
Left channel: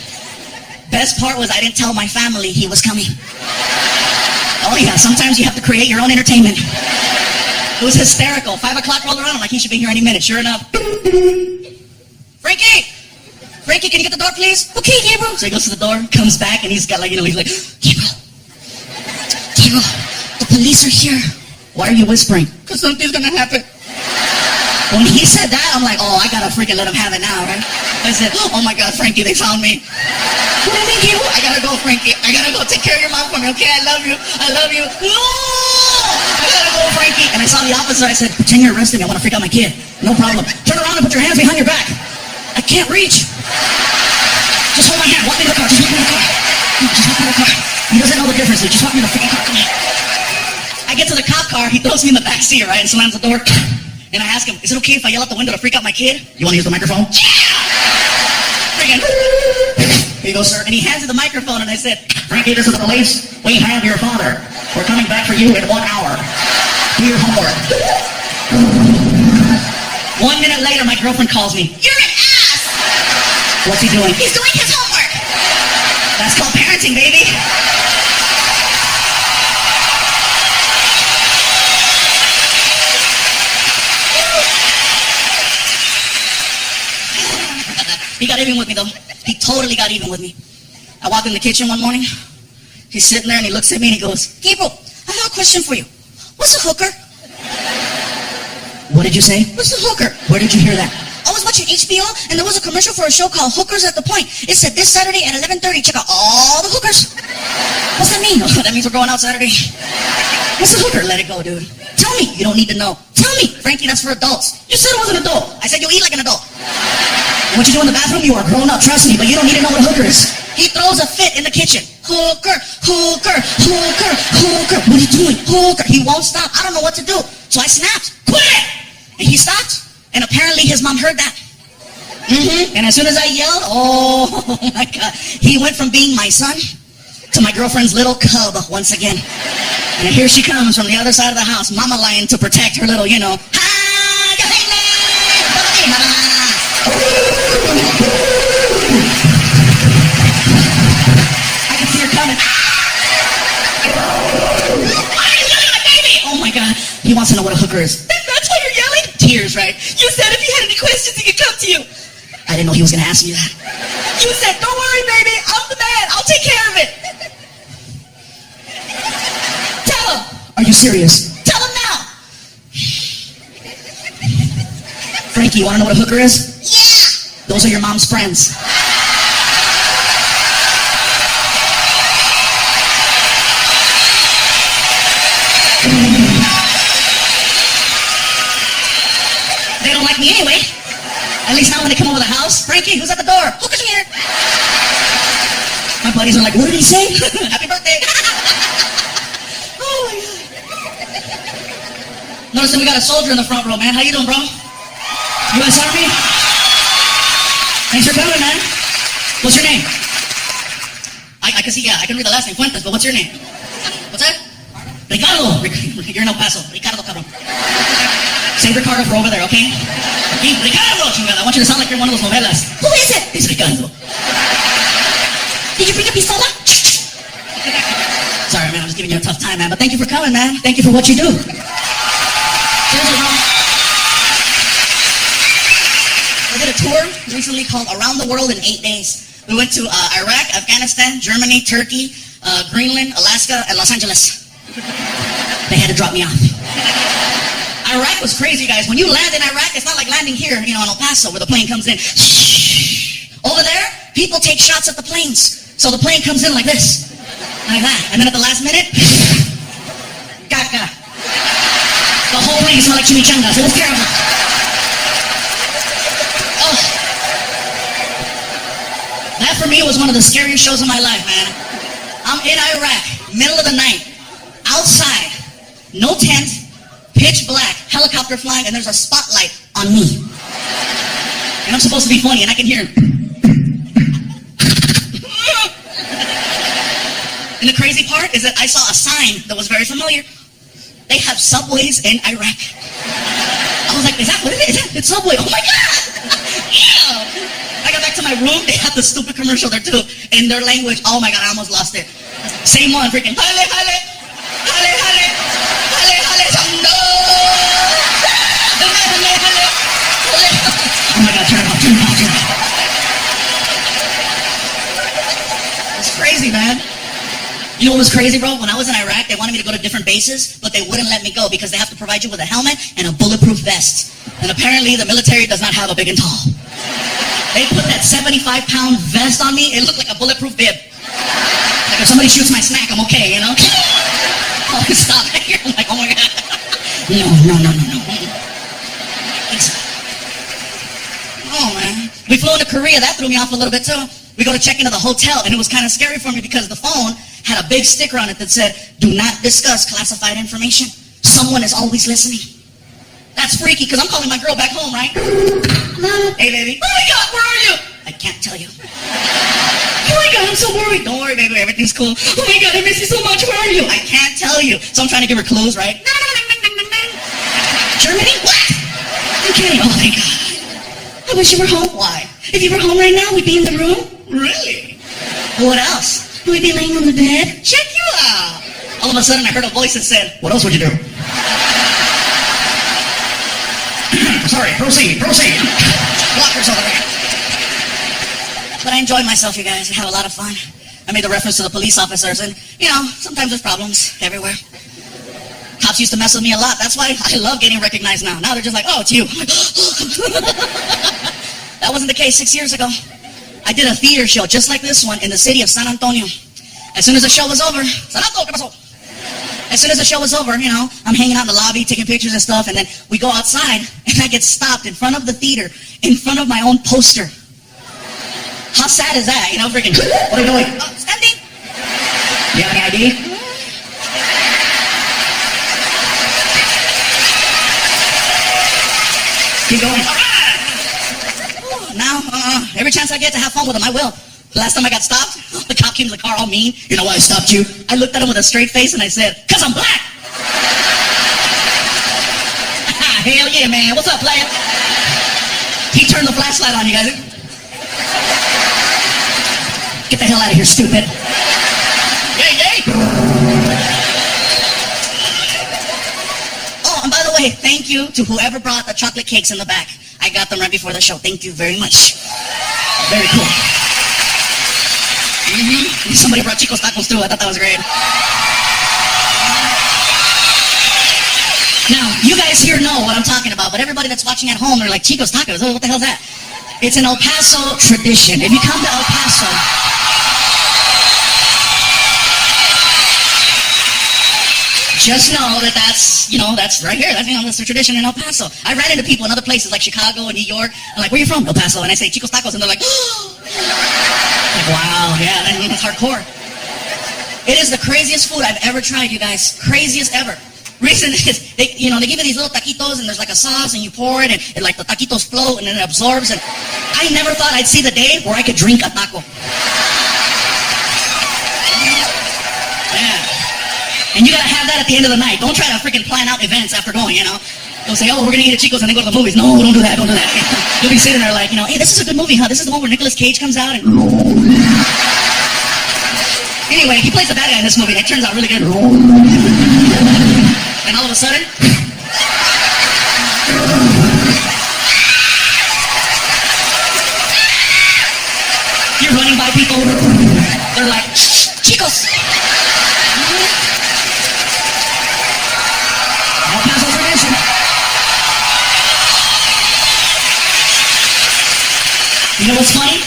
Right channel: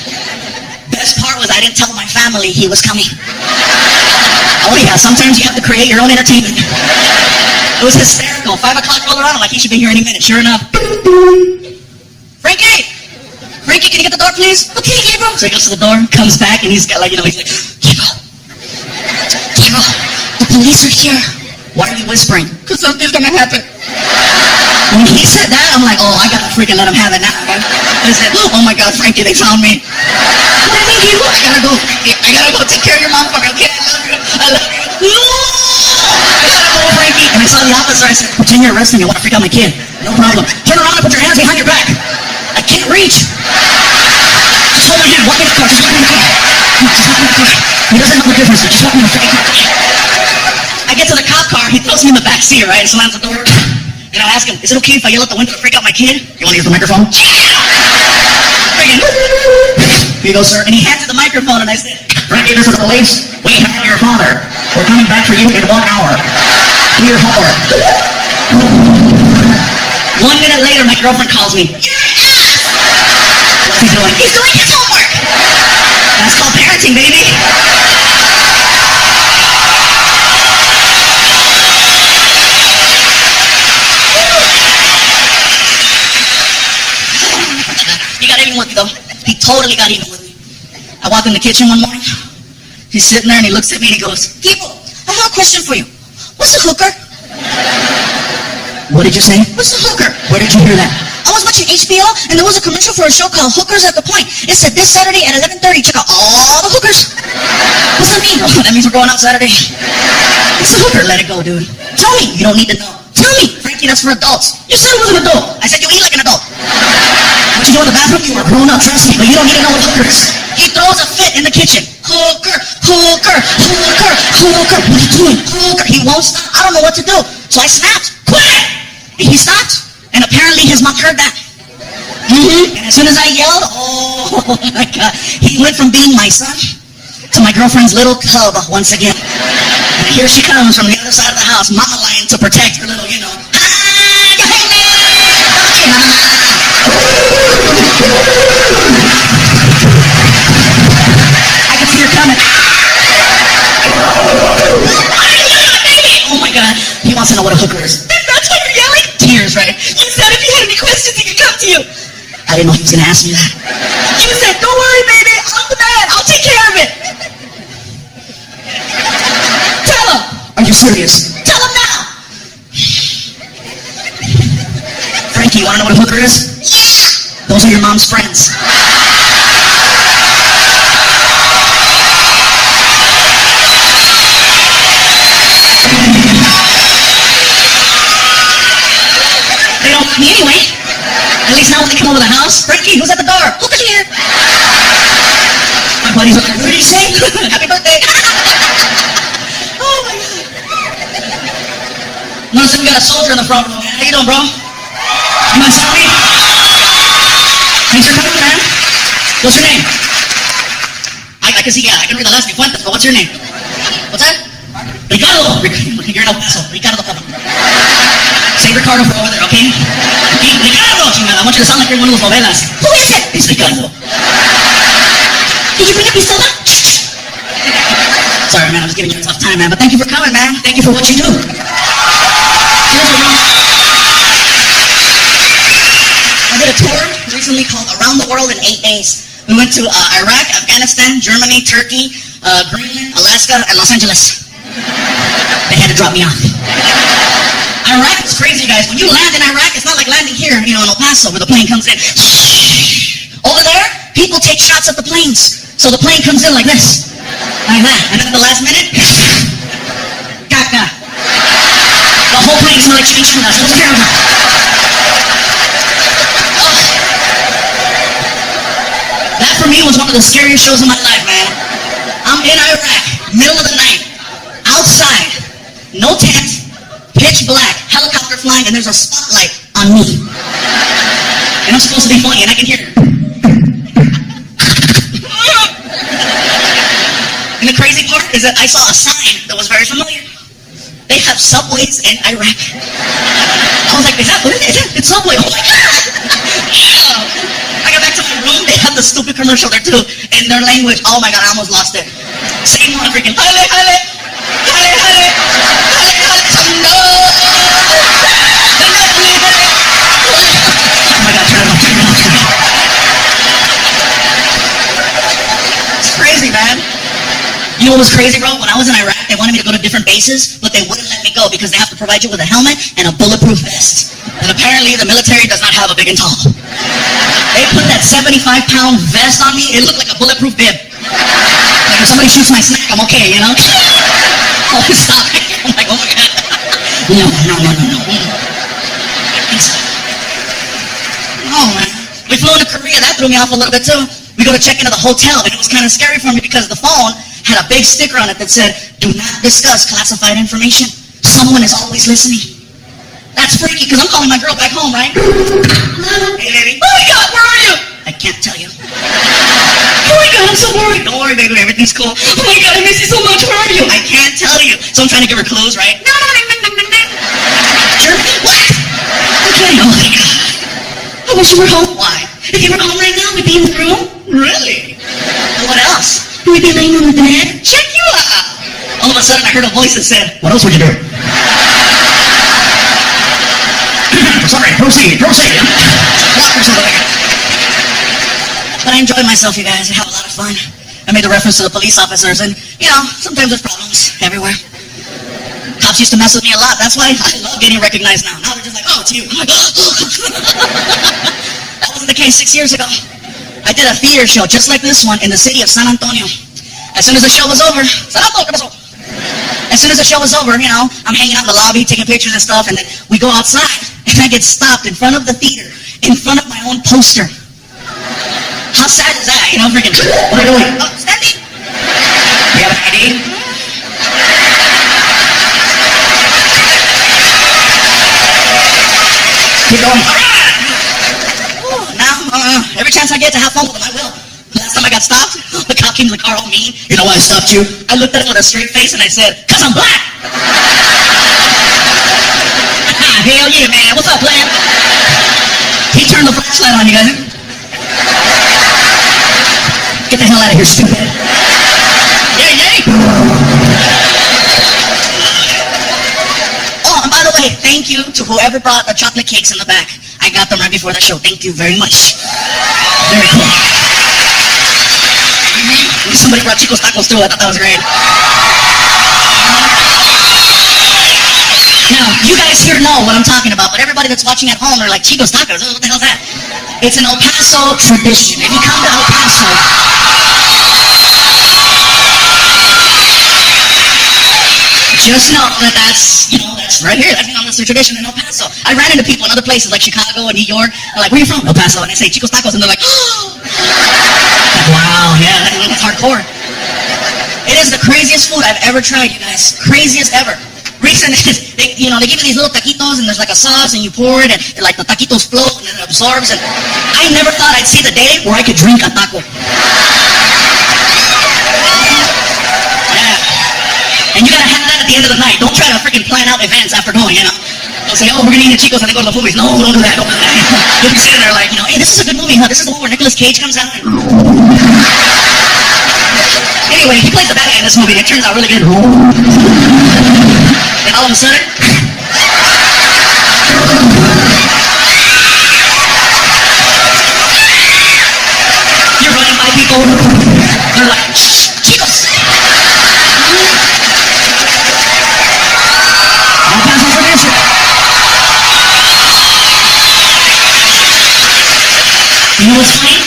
Best part was I didn't tell my family he was coming. Oh yeah, sometimes you have to create your own entertainment. It was hysterical. 5 o'clock rolled around, I'm like, he should be here any minute. Sure enough. Frankie, can you get the door, please? Okay, Gabriel. So he goes to the door, comes back, and he's got like, you know, he's like, Gabriel, the police are here. Why are you whispering? Because something's gonna happen. When he said that, I'm like, oh, I gotta freaking let him have it now. I said, oh my God, Frankie, they found me. What do you mean, Gabriel? I gotta go, Frankie. I gotta go take care of your mom for me, okay? I love you. I love you. No! I gotta go, Frankie. And I saw the officer. I said, pretend you're arresting me. I want to freak out my kid. No problem. Turn around and put your hands behind your back. I can't reach. Just hold my hand. Walk me in the car. Just walk me in the car. No, just walk me in the car. He doesn't know the difference. Just walk me in the freaking car. I get to the cop car. He throws me in the back seat, right? Slams the door. And I ask him, is it okay if I yell out the window to freak out my kid? You want to use the microphone? Freaking. Here you go, sir. And he hands me the microphone, and I said, Frankie, this is the police. We have your father. We're coming back for you in 1 hour. Do your homework. 1 minute later, my girlfriend calls me. You're an ass! What's he doing? He's doing his homework. That's called parenting, baby. He got even with me, though. He totally got even with me. I walked in the kitchen one morning. He's sitting there, and he looks at me, and he goes, Gabriel, I have a question for you. What's a hooker? what did you say? What's a hooker? Where did you hear that? I was watching HBO, and there was a commercial for a show called Hookers at the Point. It said this Saturday at 11:30, check out all the hookers. What's that mean? Oh, that means we're going out Saturday. What's a hooker? Let it go, dude. Tell me. You don't need to know. Tell me. Frankie, that's for adults. You said it was an adult. I said you eat like an adult. What you do in the bathroom, you are grown up, trust me, but you don't need to know what hooker is. He throws a fit in the kitchen. Hooker, hooker, hooker, hooker. What are you doing? Hooker. He won't stop. I don't know what to do. So I snapped. Quit! And he stopped. And apparently his mom heard that. And as soon as I yelled, oh my God, he went from being my son to my girlfriend's little cub once again. And here she comes from the other side of the house, mama lion to protect her little, Hi, I can see her coming. Oh my God, he wants to know what a hooker is. That's why you're yelling? Tears, right? You said if you had any questions, he could come to you. I didn't know he was gonna ask me that. You said, don't worry, baby. I'm the man. I'll take care of it. Tell him. Are you serious? Tell him now. Frankie, you wanna know what a hooker is? Yeah. Those are your mom's friends. They don't like me anyway. At least now when they come over the house, Frankie, who's at the door? Hookers are here. My buddies are like, what did he say? Happy birthday. Oh my God. Listen, we got a soldier in the front row, man. How you doing, bro? U.S. Army? Thanks for coming, man. What's your name? I can see, I can read the last name, Fuentes, but what's your name? What's that? Ricardo. You're in El Paso. Ricardo, cabrón. Say Ricardo for over there, okay? Ricardo, chingada. I want you to sound like you're in one of those novelas. Who is it? It's Ricardo. Did you bring a pistola? Sorry, man, I was giving you a tough time, man. But thank you for coming, man. Thank you for what you do. Cheers, bro. I did a tour recently called Around the World in 8 days. We went to Iraq, Afghanistan, Germany, Turkey, Greenland, Alaska, and Los Angeles. They had to drop me off. Iraq was crazy, guys. When you land in Iraq, it's not like landing here, in El Paso, where the plane comes in. Over there, people take shots at the planes. So the plane comes in like this. Like that. And then at the last minute, caca. The whole plane smelled like chimichangas. It was terrible. Ugh. That for me was one of the scariest shows of my life, man. I'm in Iraq, middle of the night, outside, no tent, pitch black, helicopter flying, and there's a spotlight on me. And I'm supposed to be funny, and I can hear. And the crazy part is that I saw a sign that was very familiar. They have subways in Iraq. I was like, is that what it is? It's Subway. Oh my God! I got back to my room. They had the stupid commercial there too in their language. Oh my God, I almost lost it. Same one, freaking. Hale, hale, hale, hale, hale, hale, no. Oh my God, turn it off, turn it off, turn it off. It's crazy, man. You know what was crazy, bro? When I was in Iraq, they wanted me to go to different bases, but they wouldn't let me go because they have to provide you with a helmet and a bulletproof vest. And apparently the military does not have a big and tall. They put that 75-pound vest on me. It looked like a bulletproof bib. Like if somebody shoots my snack, I'm okay, you know? Oh, stop right here. I'm like, oh my God. No. Oh, man. We flew into Korea. That threw me off a little bit, too. We go to check into the hotel, and it was kind of scary for me because the phone had a big sticker on it that said, do not discuss classified information. Someone is always listening. That's freaky because I'm calling my girl back home, right? Hello? Hey, baby. Oh, my God, where are you? I can't tell you. Oh, my God, I'm so worried. Don't worry, baby. Everything's cool. Oh, my God, I miss you so much. Where are you? I can't tell you. So I'm trying to give her clues, right? Germany? What? I'm kidding. Oh, my God. I wish you were home. Why? If you were home right now, we'd be in the room. Really? What else? We'd be laying on the bed. Check you out. All of a sudden, I heard a voice that said, what else would you do? Sorry, proceed. Lockers out of there. But I enjoyed myself, you guys. I had a lot of fun. I made the reference to the police officers, and, you know, sometimes there's problems everywhere. Cops used to mess with me a lot. That's why I love getting recognized now. Now they're just like, oh, it's you. I'm like, that wasn't the case 6 years ago. I did a theater show just like this one in the city of San Antonio. As soon as the show was over, as soon as the show was over, you know, I'm hanging out in the lobby, taking pictures and stuff, and then we go outside, and I get stopped in front of the theater, in front of my own poster. How sad is that? You know, freaking, what are you doing? Oh, standing. You have an ID? Keep going. Now, every chance I get to have fun with him, I will. Last time I got stopped, the cop came to the car all mean. You know why I stopped you? I looked at him with a straight face and I said, 'cause I'm black. Hell yeah, man. What's up, player? He turned the flashlight on, you guys. Get the hell out of here, stupid. Yay. Oh, and by the way, thank you to whoever brought the chocolate cakes in the back. I got them right before the show. Thank you very much. Very cool. Somebody brought Chico's tacos too. I thought that was great. Now, you guys here know what I'm talking about, but everybody that's watching at home, they're like, Chico's tacos? What the hell's that? It's an El Paso tradition. If you come to El Paso, just know that that's right here. That's the tradition in El Paso. I ran into people in other places like Chicago and New York. They're like, where are you from? El Paso. And I say, Chico's Tacos. And they're like, oh. Like, wow, yeah, that's hardcore. It is the craziest food I've ever tried, you guys. Craziest ever. Reason is, they give you these little taquitos and there's like a sauce and you pour it and like the taquitos float and then it absorbs. And I never thought I'd see the day where I could drink a taco. And you gotta have that at the end of the night. Don't try to freaking plan out events after going, you know. Don't say, oh, we're gonna eat at Chico's and then go to the movies. No, don't do that. You'll be sitting there like, hey, this is a good movie, huh? This is the one where Nicolas Cage comes out and... Anyway, he plays the bad guy in this movie and it turns out really good. And all of a sudden... you're running by people. They're like, Chico's! You know what's funny?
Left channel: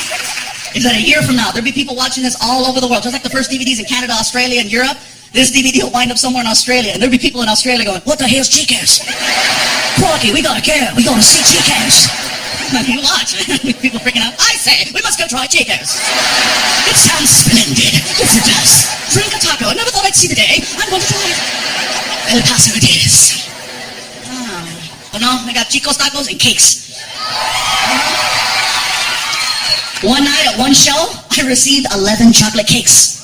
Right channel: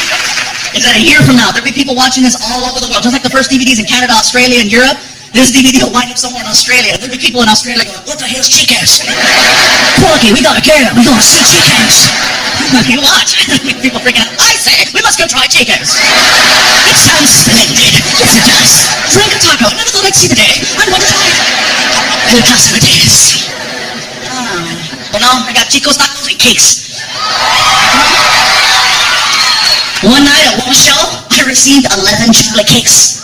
Is that a year from now, there'll be people watching this all over the world, just like the first DVDs in Canada, Australia, and Europe. This DVD will wind up somewhere in Australia, and there'll be people in Australia going, what the hell's Chico's? Crikey, we gotta go. We're gonna see Chico's. You watch. People freaking out. I say, we must go try Chico's. It sounds splendid. Yes, it does. Drink a taco. I never thought I'd see the day. I'm going to try it. El Paso it is. But no, I got Chico's tacos and cakes. One night at one show, I received 11 chocolate cakes.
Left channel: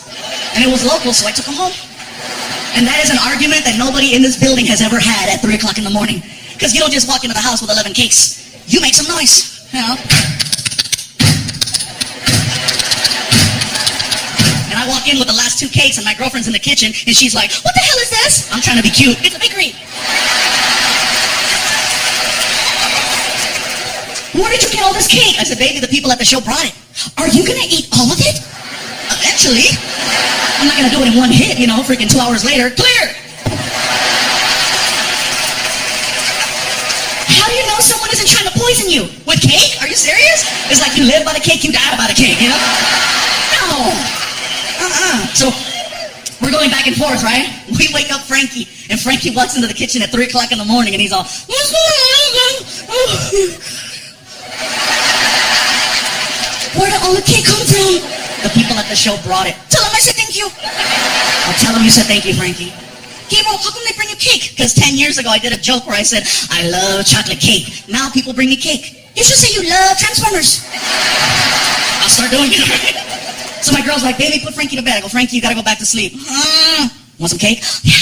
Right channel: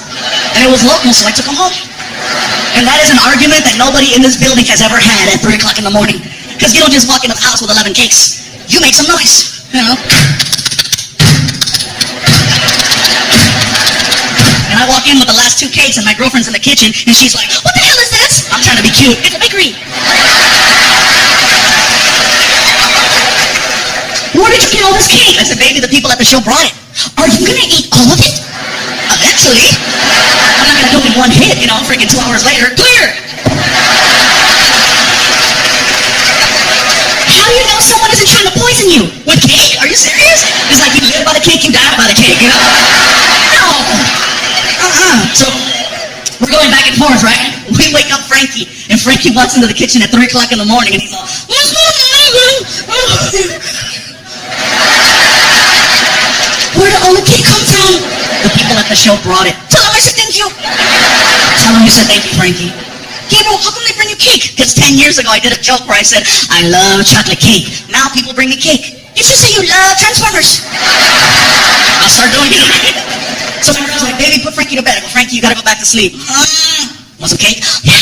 And it was local, so I took them home. And that is an argument that nobody in this building has ever had at 3 o'clock in the morning. Because you don't just walk into the house with 11 cakes. You make some noise, you know. And I walk in with the last 2 cakes, and my girlfriend's in the kitchen, and she's like, what the hell is this? I'm trying to be cute. It's a bakery. Where did you get all this cake? I said, baby, the people at the show brought it. Are you going to eat all of it? Eventually. I'm not gonna do it in one hit, you know, freaking 2 hours later. Clear! How do you know someone isn't trying to poison you? With cake? Are you serious? It's like you live by the cake, you die by the cake, you know? No! So, we're going back and forth, right? We wake up Frankie, and Frankie walks into the kitchen at 3 o'clock in the morning, and he's all, what's going on? Where did all the cake come from? The people at the show brought it. Tell them I said thank you. Tell them you said thank you, Frankie. Gabriel, how come they bring you cake? Because 10 years ago, I did a joke where I said, I love chocolate cake. Now people bring me cake. You should say you love Transformers. I'll start doing it. So my girl's like, baby, put Frankie to bed. I go, Frankie, you gotta go back to sleep. Want some cake? Yeah.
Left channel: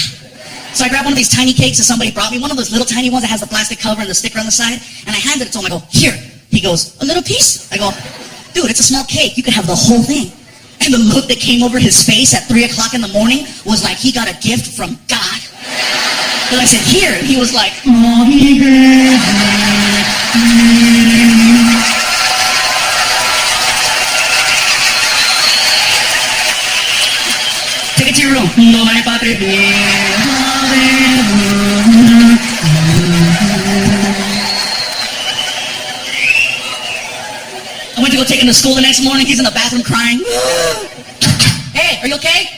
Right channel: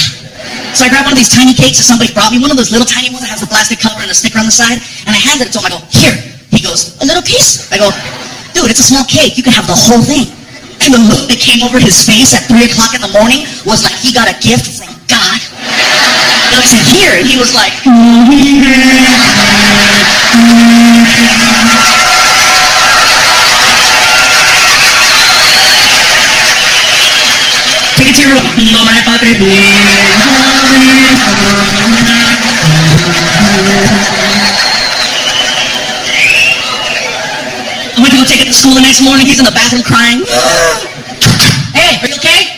So I grabbed one of these tiny cakes that somebody brought me, one of those little tiny ones that has the plastic cover and the sticker on the side, and I handed it to him. I go, here. He goes, a little piece? I go, dude, it's a small cake. You can have the whole thing. And the look that came over his face at 3 o'clock in the morning was like he got a gift from God. Then I said, here. And he was like, take it to your room. I went to go take him to school the next morning. He's in the bathroom crying. Hey, are you okay?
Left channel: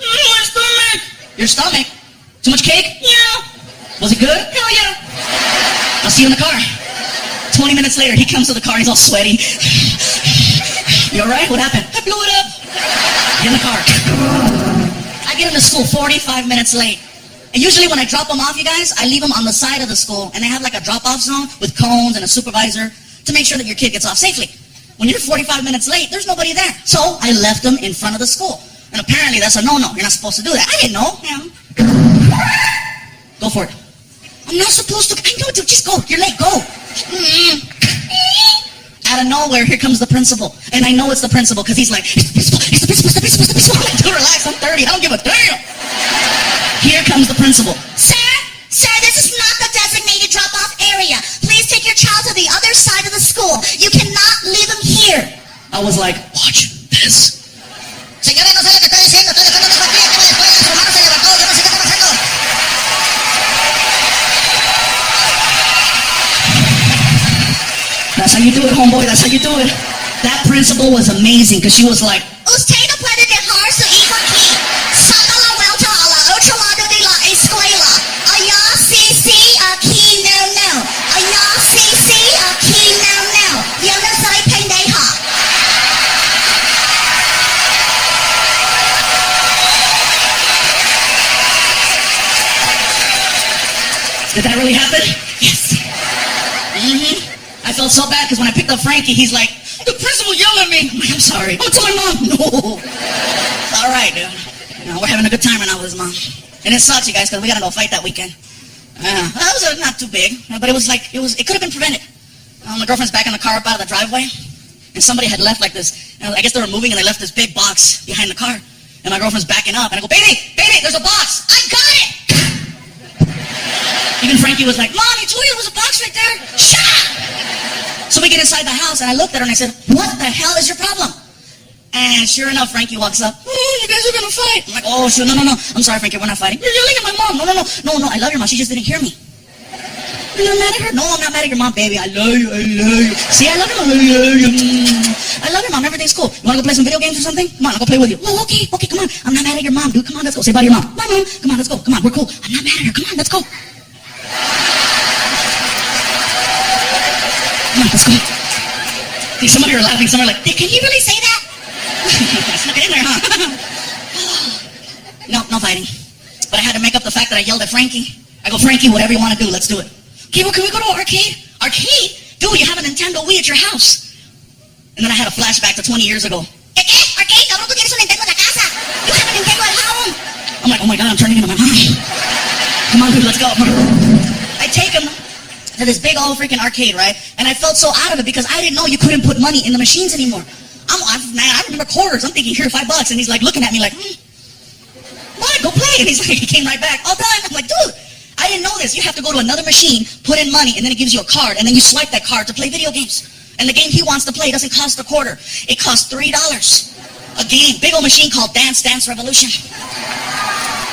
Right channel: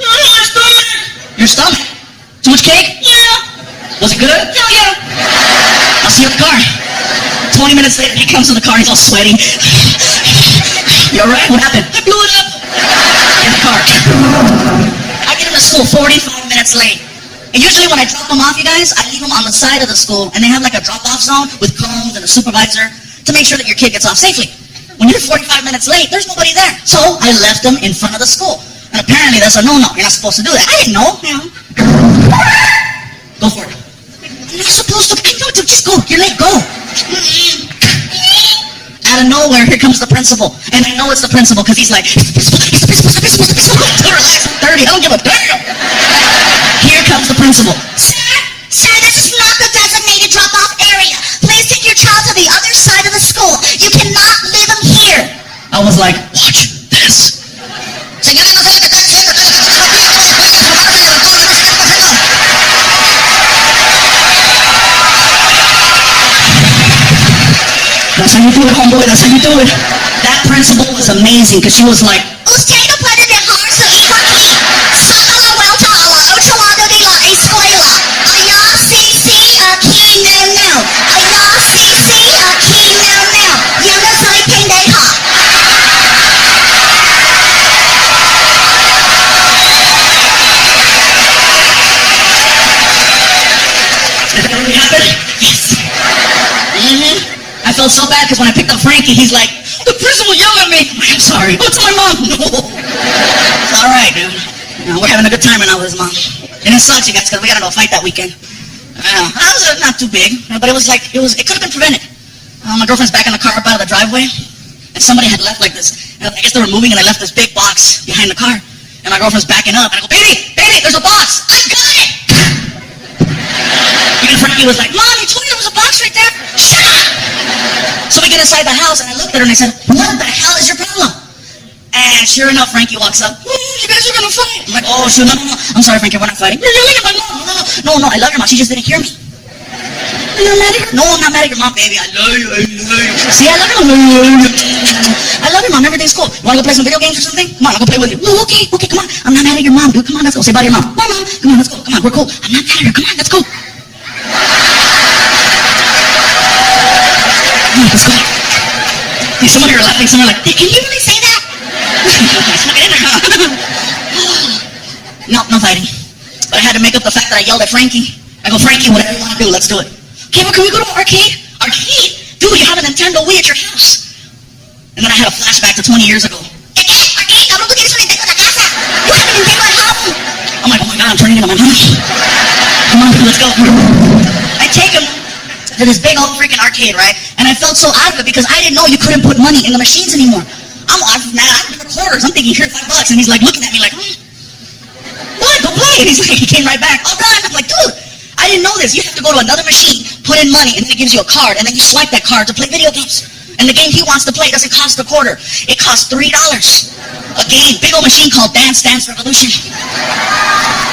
My stomach. Your stomach? Too much cake? Yeah. Was it good? Hell yeah. I'll see you in the car. 20 minutes later, he comes in the car. He's all sweaty. You all right? What happened? I blew it up. In the car. I get him to school 45 minutes late. And usually when I drop them off, you guys, I leave them on the side of the school, and they have like a drop-off zone with cones and a supervisor to make sure that your kid gets off safely. When you're 45 minutes late, there's nobody there. So I left them in front of the school. And apparently that's a no-no. You're not supposed to do that. I didn't know. You know. Go for it. I'm not supposed to. I know, dude, just go. You're late. Go. Out of nowhere, here comes the principal. And I know it's the principal because he's like, it's the principal, it's the principal, it's the principal, it's the principal. Relax, I'm 30. I don't give a damn. Here comes the principal. Sir, this is not the designated drop-off area. Please take your child to the other side of the school. You cannot leave him here. I was like, watch this. Señorita, no sé lo que está diciendo. That's how you do it, homeboy. That's how you do it. That principal was amazing because she was like, Usted no puede dejar su hijo aquí. Saca la vuelta a la otro lado de la escuela. Allá sí, aquí no. Allá sí, aquí no. Yo no soy pendeja. did that really happen? Yes. I felt so bad because when I picked up Frankie, he's like, the principal yelled at me. I'm sorry. Go tell my mom. No. It's all right, dude. You know, we're having a good time right now with his mom. And it sucks, you guys, because we got into a fight that weekend. I was not too big, but it was like, it could have been prevented. My girlfriend's back in the car up out of the driveway, and somebody had left like this. I guess they were moving, and they left this big box behind the car. And my girlfriend's backing up, and I go, baby, there's a box. I got it. Even Frankie was like, Mom, you told me there was a box right there. Shut up. So we get inside the house, and I looked at her, and I said, what the hell is your problem? And sure enough, Frankie walks up. You guys are going to fight. I'm like, oh, shoot, no. I'm sorry, Frankie, we're not fighting. You're yelling at my mom. No, I love your mom. She just didn't hear me. You're not mad at her? No, I'm not mad at your mom, baby. I love you. See, I love your mom. I love your mom. Everything's cool. You want to go play some video games or something? Come on, I'll go play with you. Oh, okay, come on. I'm not mad at your mom, dude. Come on, let's go. Say bye to your mom. Bye, Mom. Come on, let's go. Come on, we're cool. I'm not mad at her. Come on, let's go. Come on, let's go. See, some of you are laughing. Some are like, can you really say that? Snuck it in there, huh? No fighting. But I had to make up the fact that I yelled at Frankie. I go, Frankie, whatever you want to do, let's do it. Okay, well, can we go to an arcade? Arcade? Dude, you have a Nintendo Wii at your house. And then I had a flashback to 20 years ago. ¿Qué? Arcade, cabrón, tú tienes un Nintendo en la casa. You have a Nintendo at home. I'm like, oh my God, I'm turning into my mom. Come on, dude, let's go. I take him to this big old freaking arcade, right? And I felt so out of it because I didn't know you couldn't put money in the machines anymore. I remember quarters. I'm thinking, here, $5. And he's like looking at me like, what? Go play. And he's like, he came right back. All done. I'm like, dude, I didn't know this. You have to go to another machine, put in money, and then it gives you a card. And then you swipe that card to play video games. And the game he wants to play doesn't cost a quarter. It costs $3. a game, big old machine called Dance Dance Revolution.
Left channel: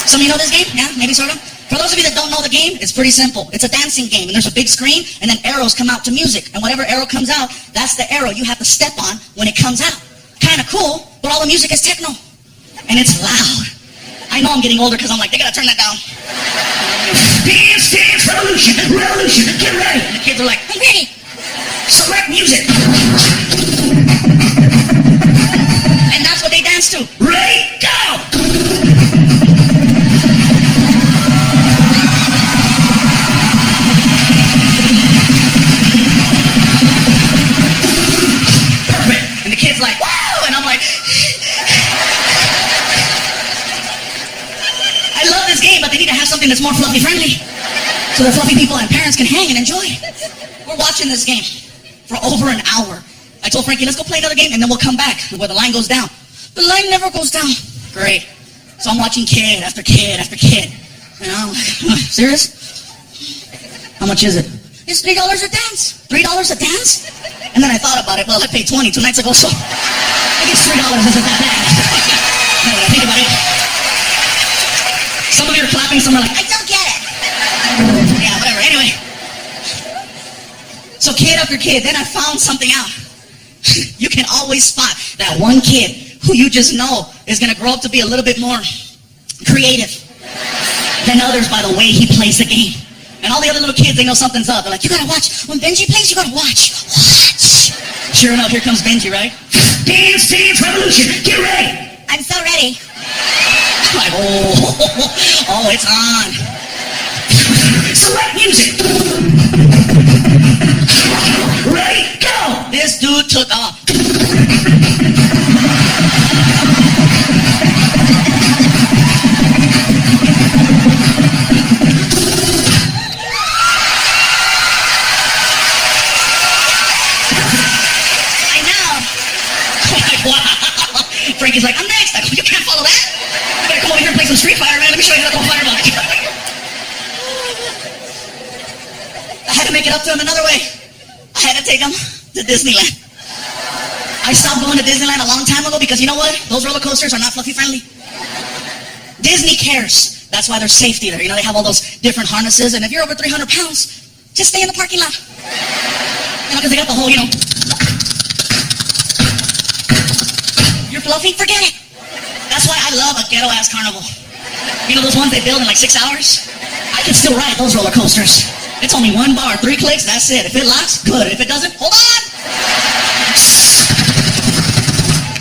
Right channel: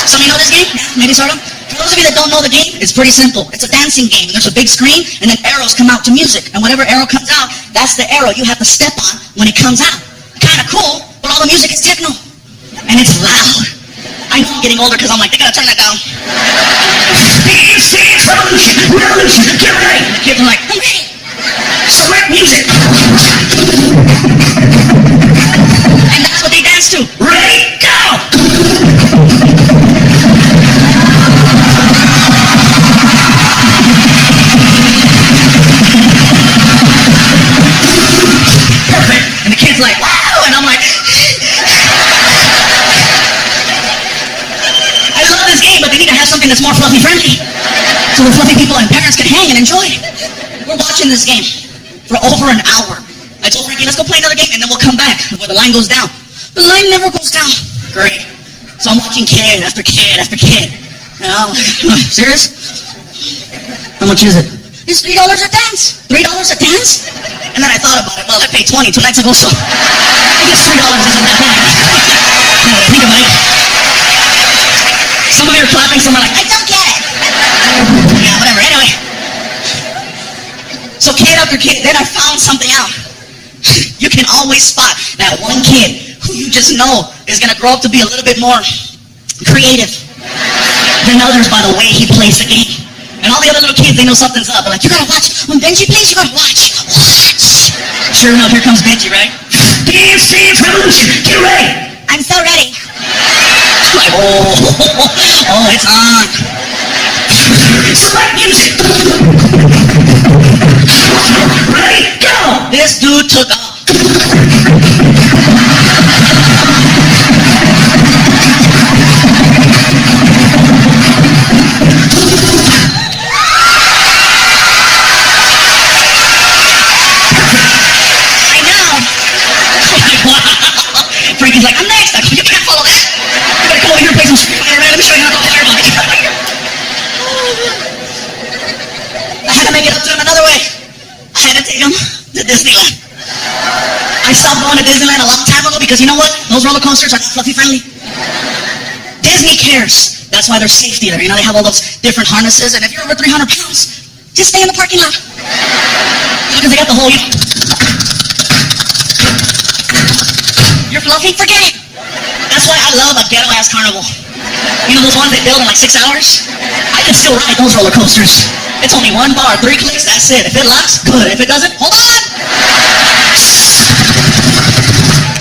Some of you know this game? Yeah, maybe sort of. For those of you that don't know the game, it's pretty simple. It's a dancing game, and there's a big screen, and then arrows come out to music. And whatever arrow comes out, that's the arrow you have to step on when it comes out. Kind of cool, but all the music is techno. And it's loud. I know I'm getting older because I'm like, they gotta turn that down. Dance, dance, revolution, revolution, get ready. And the kids are like, I'm ready. Select music. And that's what they dance to. Ready, go! Perfect. And the kid's like, wow! And I'm like, I love this game, but they need to have something that's more fluffy friendly. So the fluffy people and parents can hang and enjoy. We're watching this game for over an hour. I told Frankie, let's go play another game and then we'll come back where the line goes down. The line never goes down. Great. So I'm watching kid after kid after kid. And I'm like, serious? How much is it? It's $3 a dance. $3 a dance? And then I thought about it. Well, I paid 20 2 nights ago, so I guess $3 isn't that bad. Now that I think about it. Some of you are clapping, some are like, I don't get it. Yeah, whatever. Anyway. So kid after kid, then I found something out. You can always spot that one kid who you just know is going to grow up to be a little bit more creative than others by the way he plays the game. And all the other little kids, they know something's up. They're like, you gotta watch. When Benji plays, you gotta watch. Watch. Sure enough, here comes Benji, right? Dance, dance, revolution, get ready. I'm so ready. Like, oh, it's on. Select music. Ready, go. This dude took off. Frankie's like, I'm next. You can't follow that. You better come over here and play some Street Fighter, man. Let me show you how to go fireball. I had to make it up to him another way. I had to take him to Disneyland. I stopped going to Disneyland a long time ago because you know what? Those roller coasters are not fluffy friendly. Disney cares. That's why there's safety there. You know, they have all those different harnesses, and if you're over 300 pounds, just stay in the parking lot. You know, because they got the whole, you're fluffy? Forget it. That's why I love a ghetto-ass carnival. You know those ones they build in like 6 hours? I can still ride those roller coasters. It's only one bar, 3 clicks, that's it. If it locks, good. If it doesn't, hold on.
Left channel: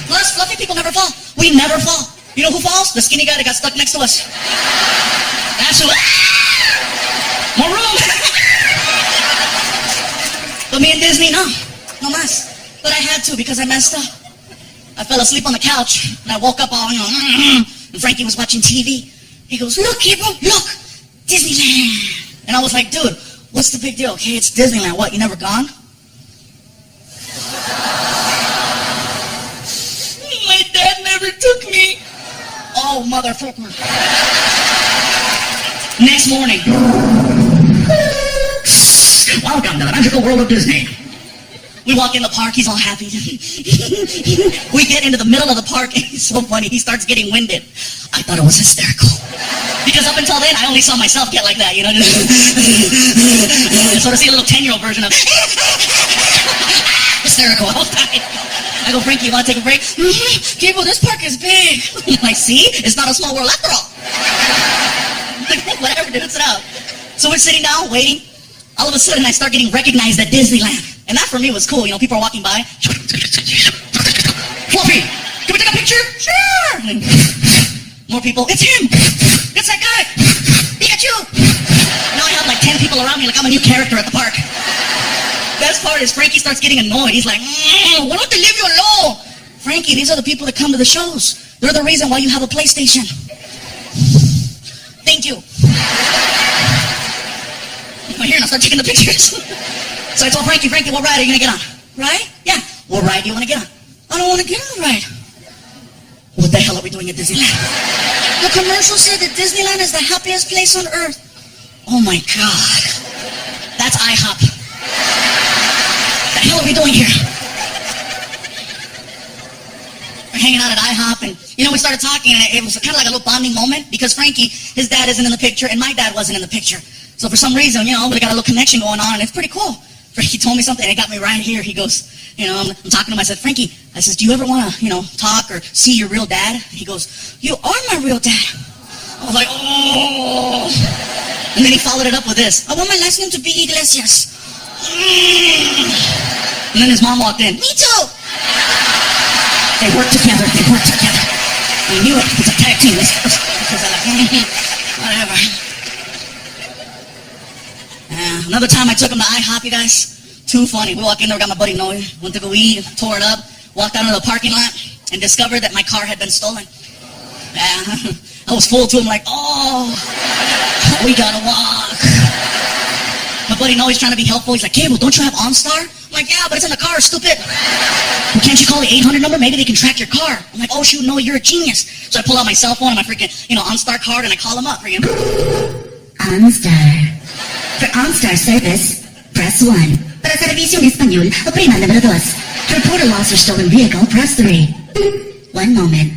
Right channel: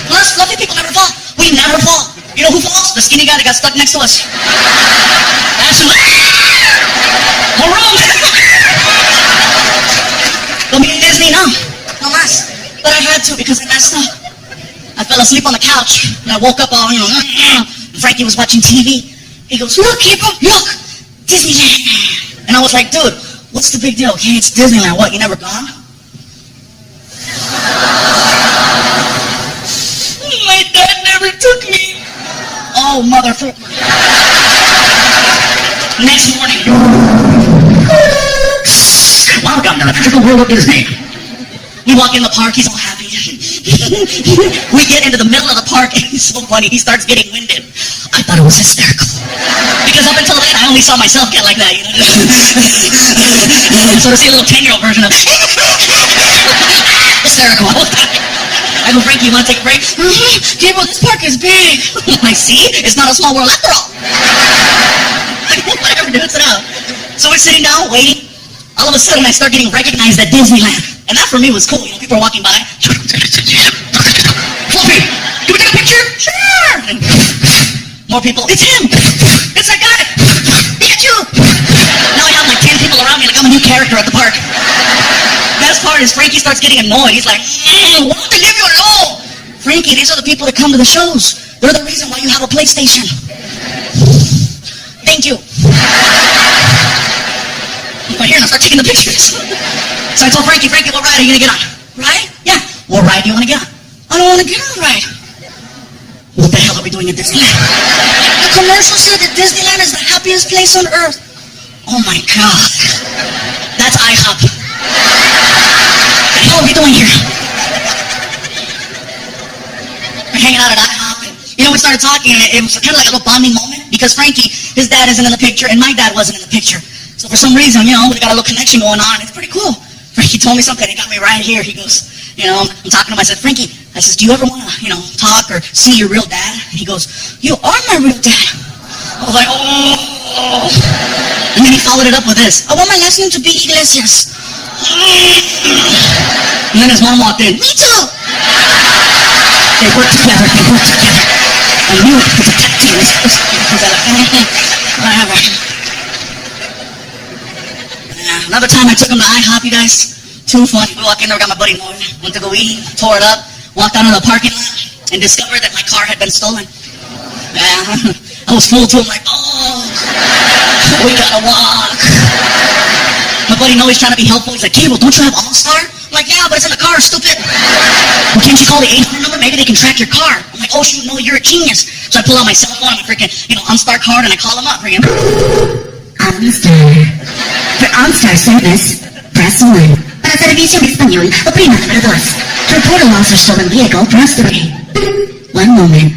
Plus, fluffy people never fall. We never fall. You know who falls? The skinny guy that got stuck next to us. That's who. Maroon. But me in Disney, no. No mas. But I had to because I messed up. I fell asleep on the couch, and I woke up all, and Frankie was watching TV. He goes, look, Gabriel, look, Disneyland. And I was like, dude, what's the big deal? Okay, it's Disneyland. What, you never gone? My dad never took me. Oh, motherfucker. Next morning. Welcome to the magical world of Disney. We walk in the park, he's all happy. We get into the middle of the park, and he's so funny, he starts getting winded. I thought it was hysterical. Because up until then, I only saw myself get like that, you know? So to see a little 10-year-old version of hysterical. I go, Frankie, you want to take a break? Gabriel, this park is big. I see, it's not a small world after all. Whatever, dude, sit out. So we're sitting down, waiting. All of a sudden, I start getting recognized at Disneyland. And that for me was cool. You know, people are walking by. Fluffy, can we take a picture? Sure. And more people. It's him. It's that guy. Pikachu. Now I have like 10 people around me like I'm a new character at the park. Best part is Frankie starts getting annoyed. He's like, why don't they leave you alone? Frankie, these are the people that come to the shows. They're the reason why you have a PlayStation. Thank you. But here, and I start taking the pictures. So I told Frankie, what ride are you going to get on? Ride? Yeah. What ride do you want to get on? I don't want to get on the ride. What the hell are we doing at Disneyland? The commercial said that Disneyland is the happiest place on earth. Oh my God. That's IHOP. What the hell are we doing here? I hanging out at IHOP, and we started talking, and it was kind of like a little bonding moment because Frankie, his dad isn't in the picture, and my dad wasn't in the picture. So for some reason, we got a little connection going on, and it's pretty cool. Frankie told me something, and it got me right here. He goes, I'm talking to him. I said, Frankie, I says, do you ever want to, talk or see your real dad? And he goes, you are my real dad. I was like, oh. And then he followed it up with this. I want my last name to be Iglesias. And then his mom walked in. Me too. They work together. I knew it. It's a tag team. Whatever. Another time I took him to IHOP, you guys. Too funny. We walked in there, got my buddy Noe. Went to go eat, tore it up, walked out of the parking lot, and discovered that my car had been stolen. Yeah. I was full to him like, oh, we gotta walk. My buddy Noe's trying to be helpful. He's like, Gabriel, don't you have OnStar? I'm like, yeah, but it's in the car, stupid. Well, can't you call the 800 number? Maybe they can track your car. I'm like, oh, shoot, Noe, you're a genius. So I pull out my cell phone and my freaking, OnStar card, and I call him up. OnStar. For OnStar service, press 1. Para servicio en español, oprima número 2. To report a lost or stolen vehicle, press 3. One moment.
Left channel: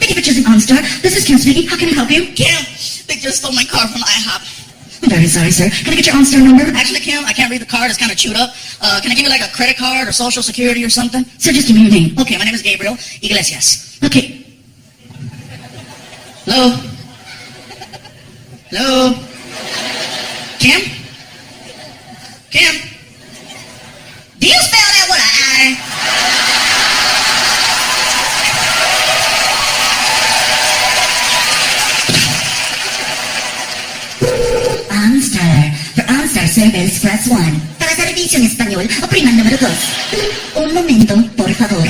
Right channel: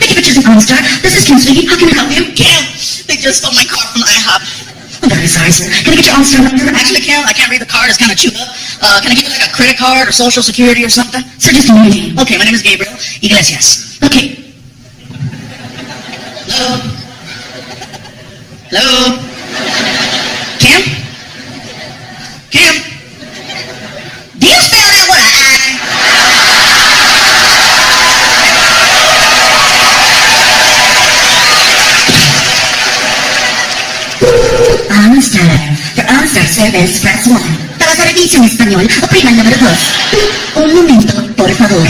Thank you for choosing OnStar. This is Kim speaking. How can I help you? Kim, they just stole my car from IHOP. I'm very sorry, sir. Can I get your OnStar number? Actually, Kim, I can't read the card. It's kind of chewed up. Can I give you like a credit card or social security or something? Sir, just a name. Okay, my name is Gabriel Iglesias. Okay. Hello? Hello? Kim? Kim? Do you spell that with an I? OnStar. For OnStar service, press 1. Para servicio en español, oprima el número 2. Un momento, por favor.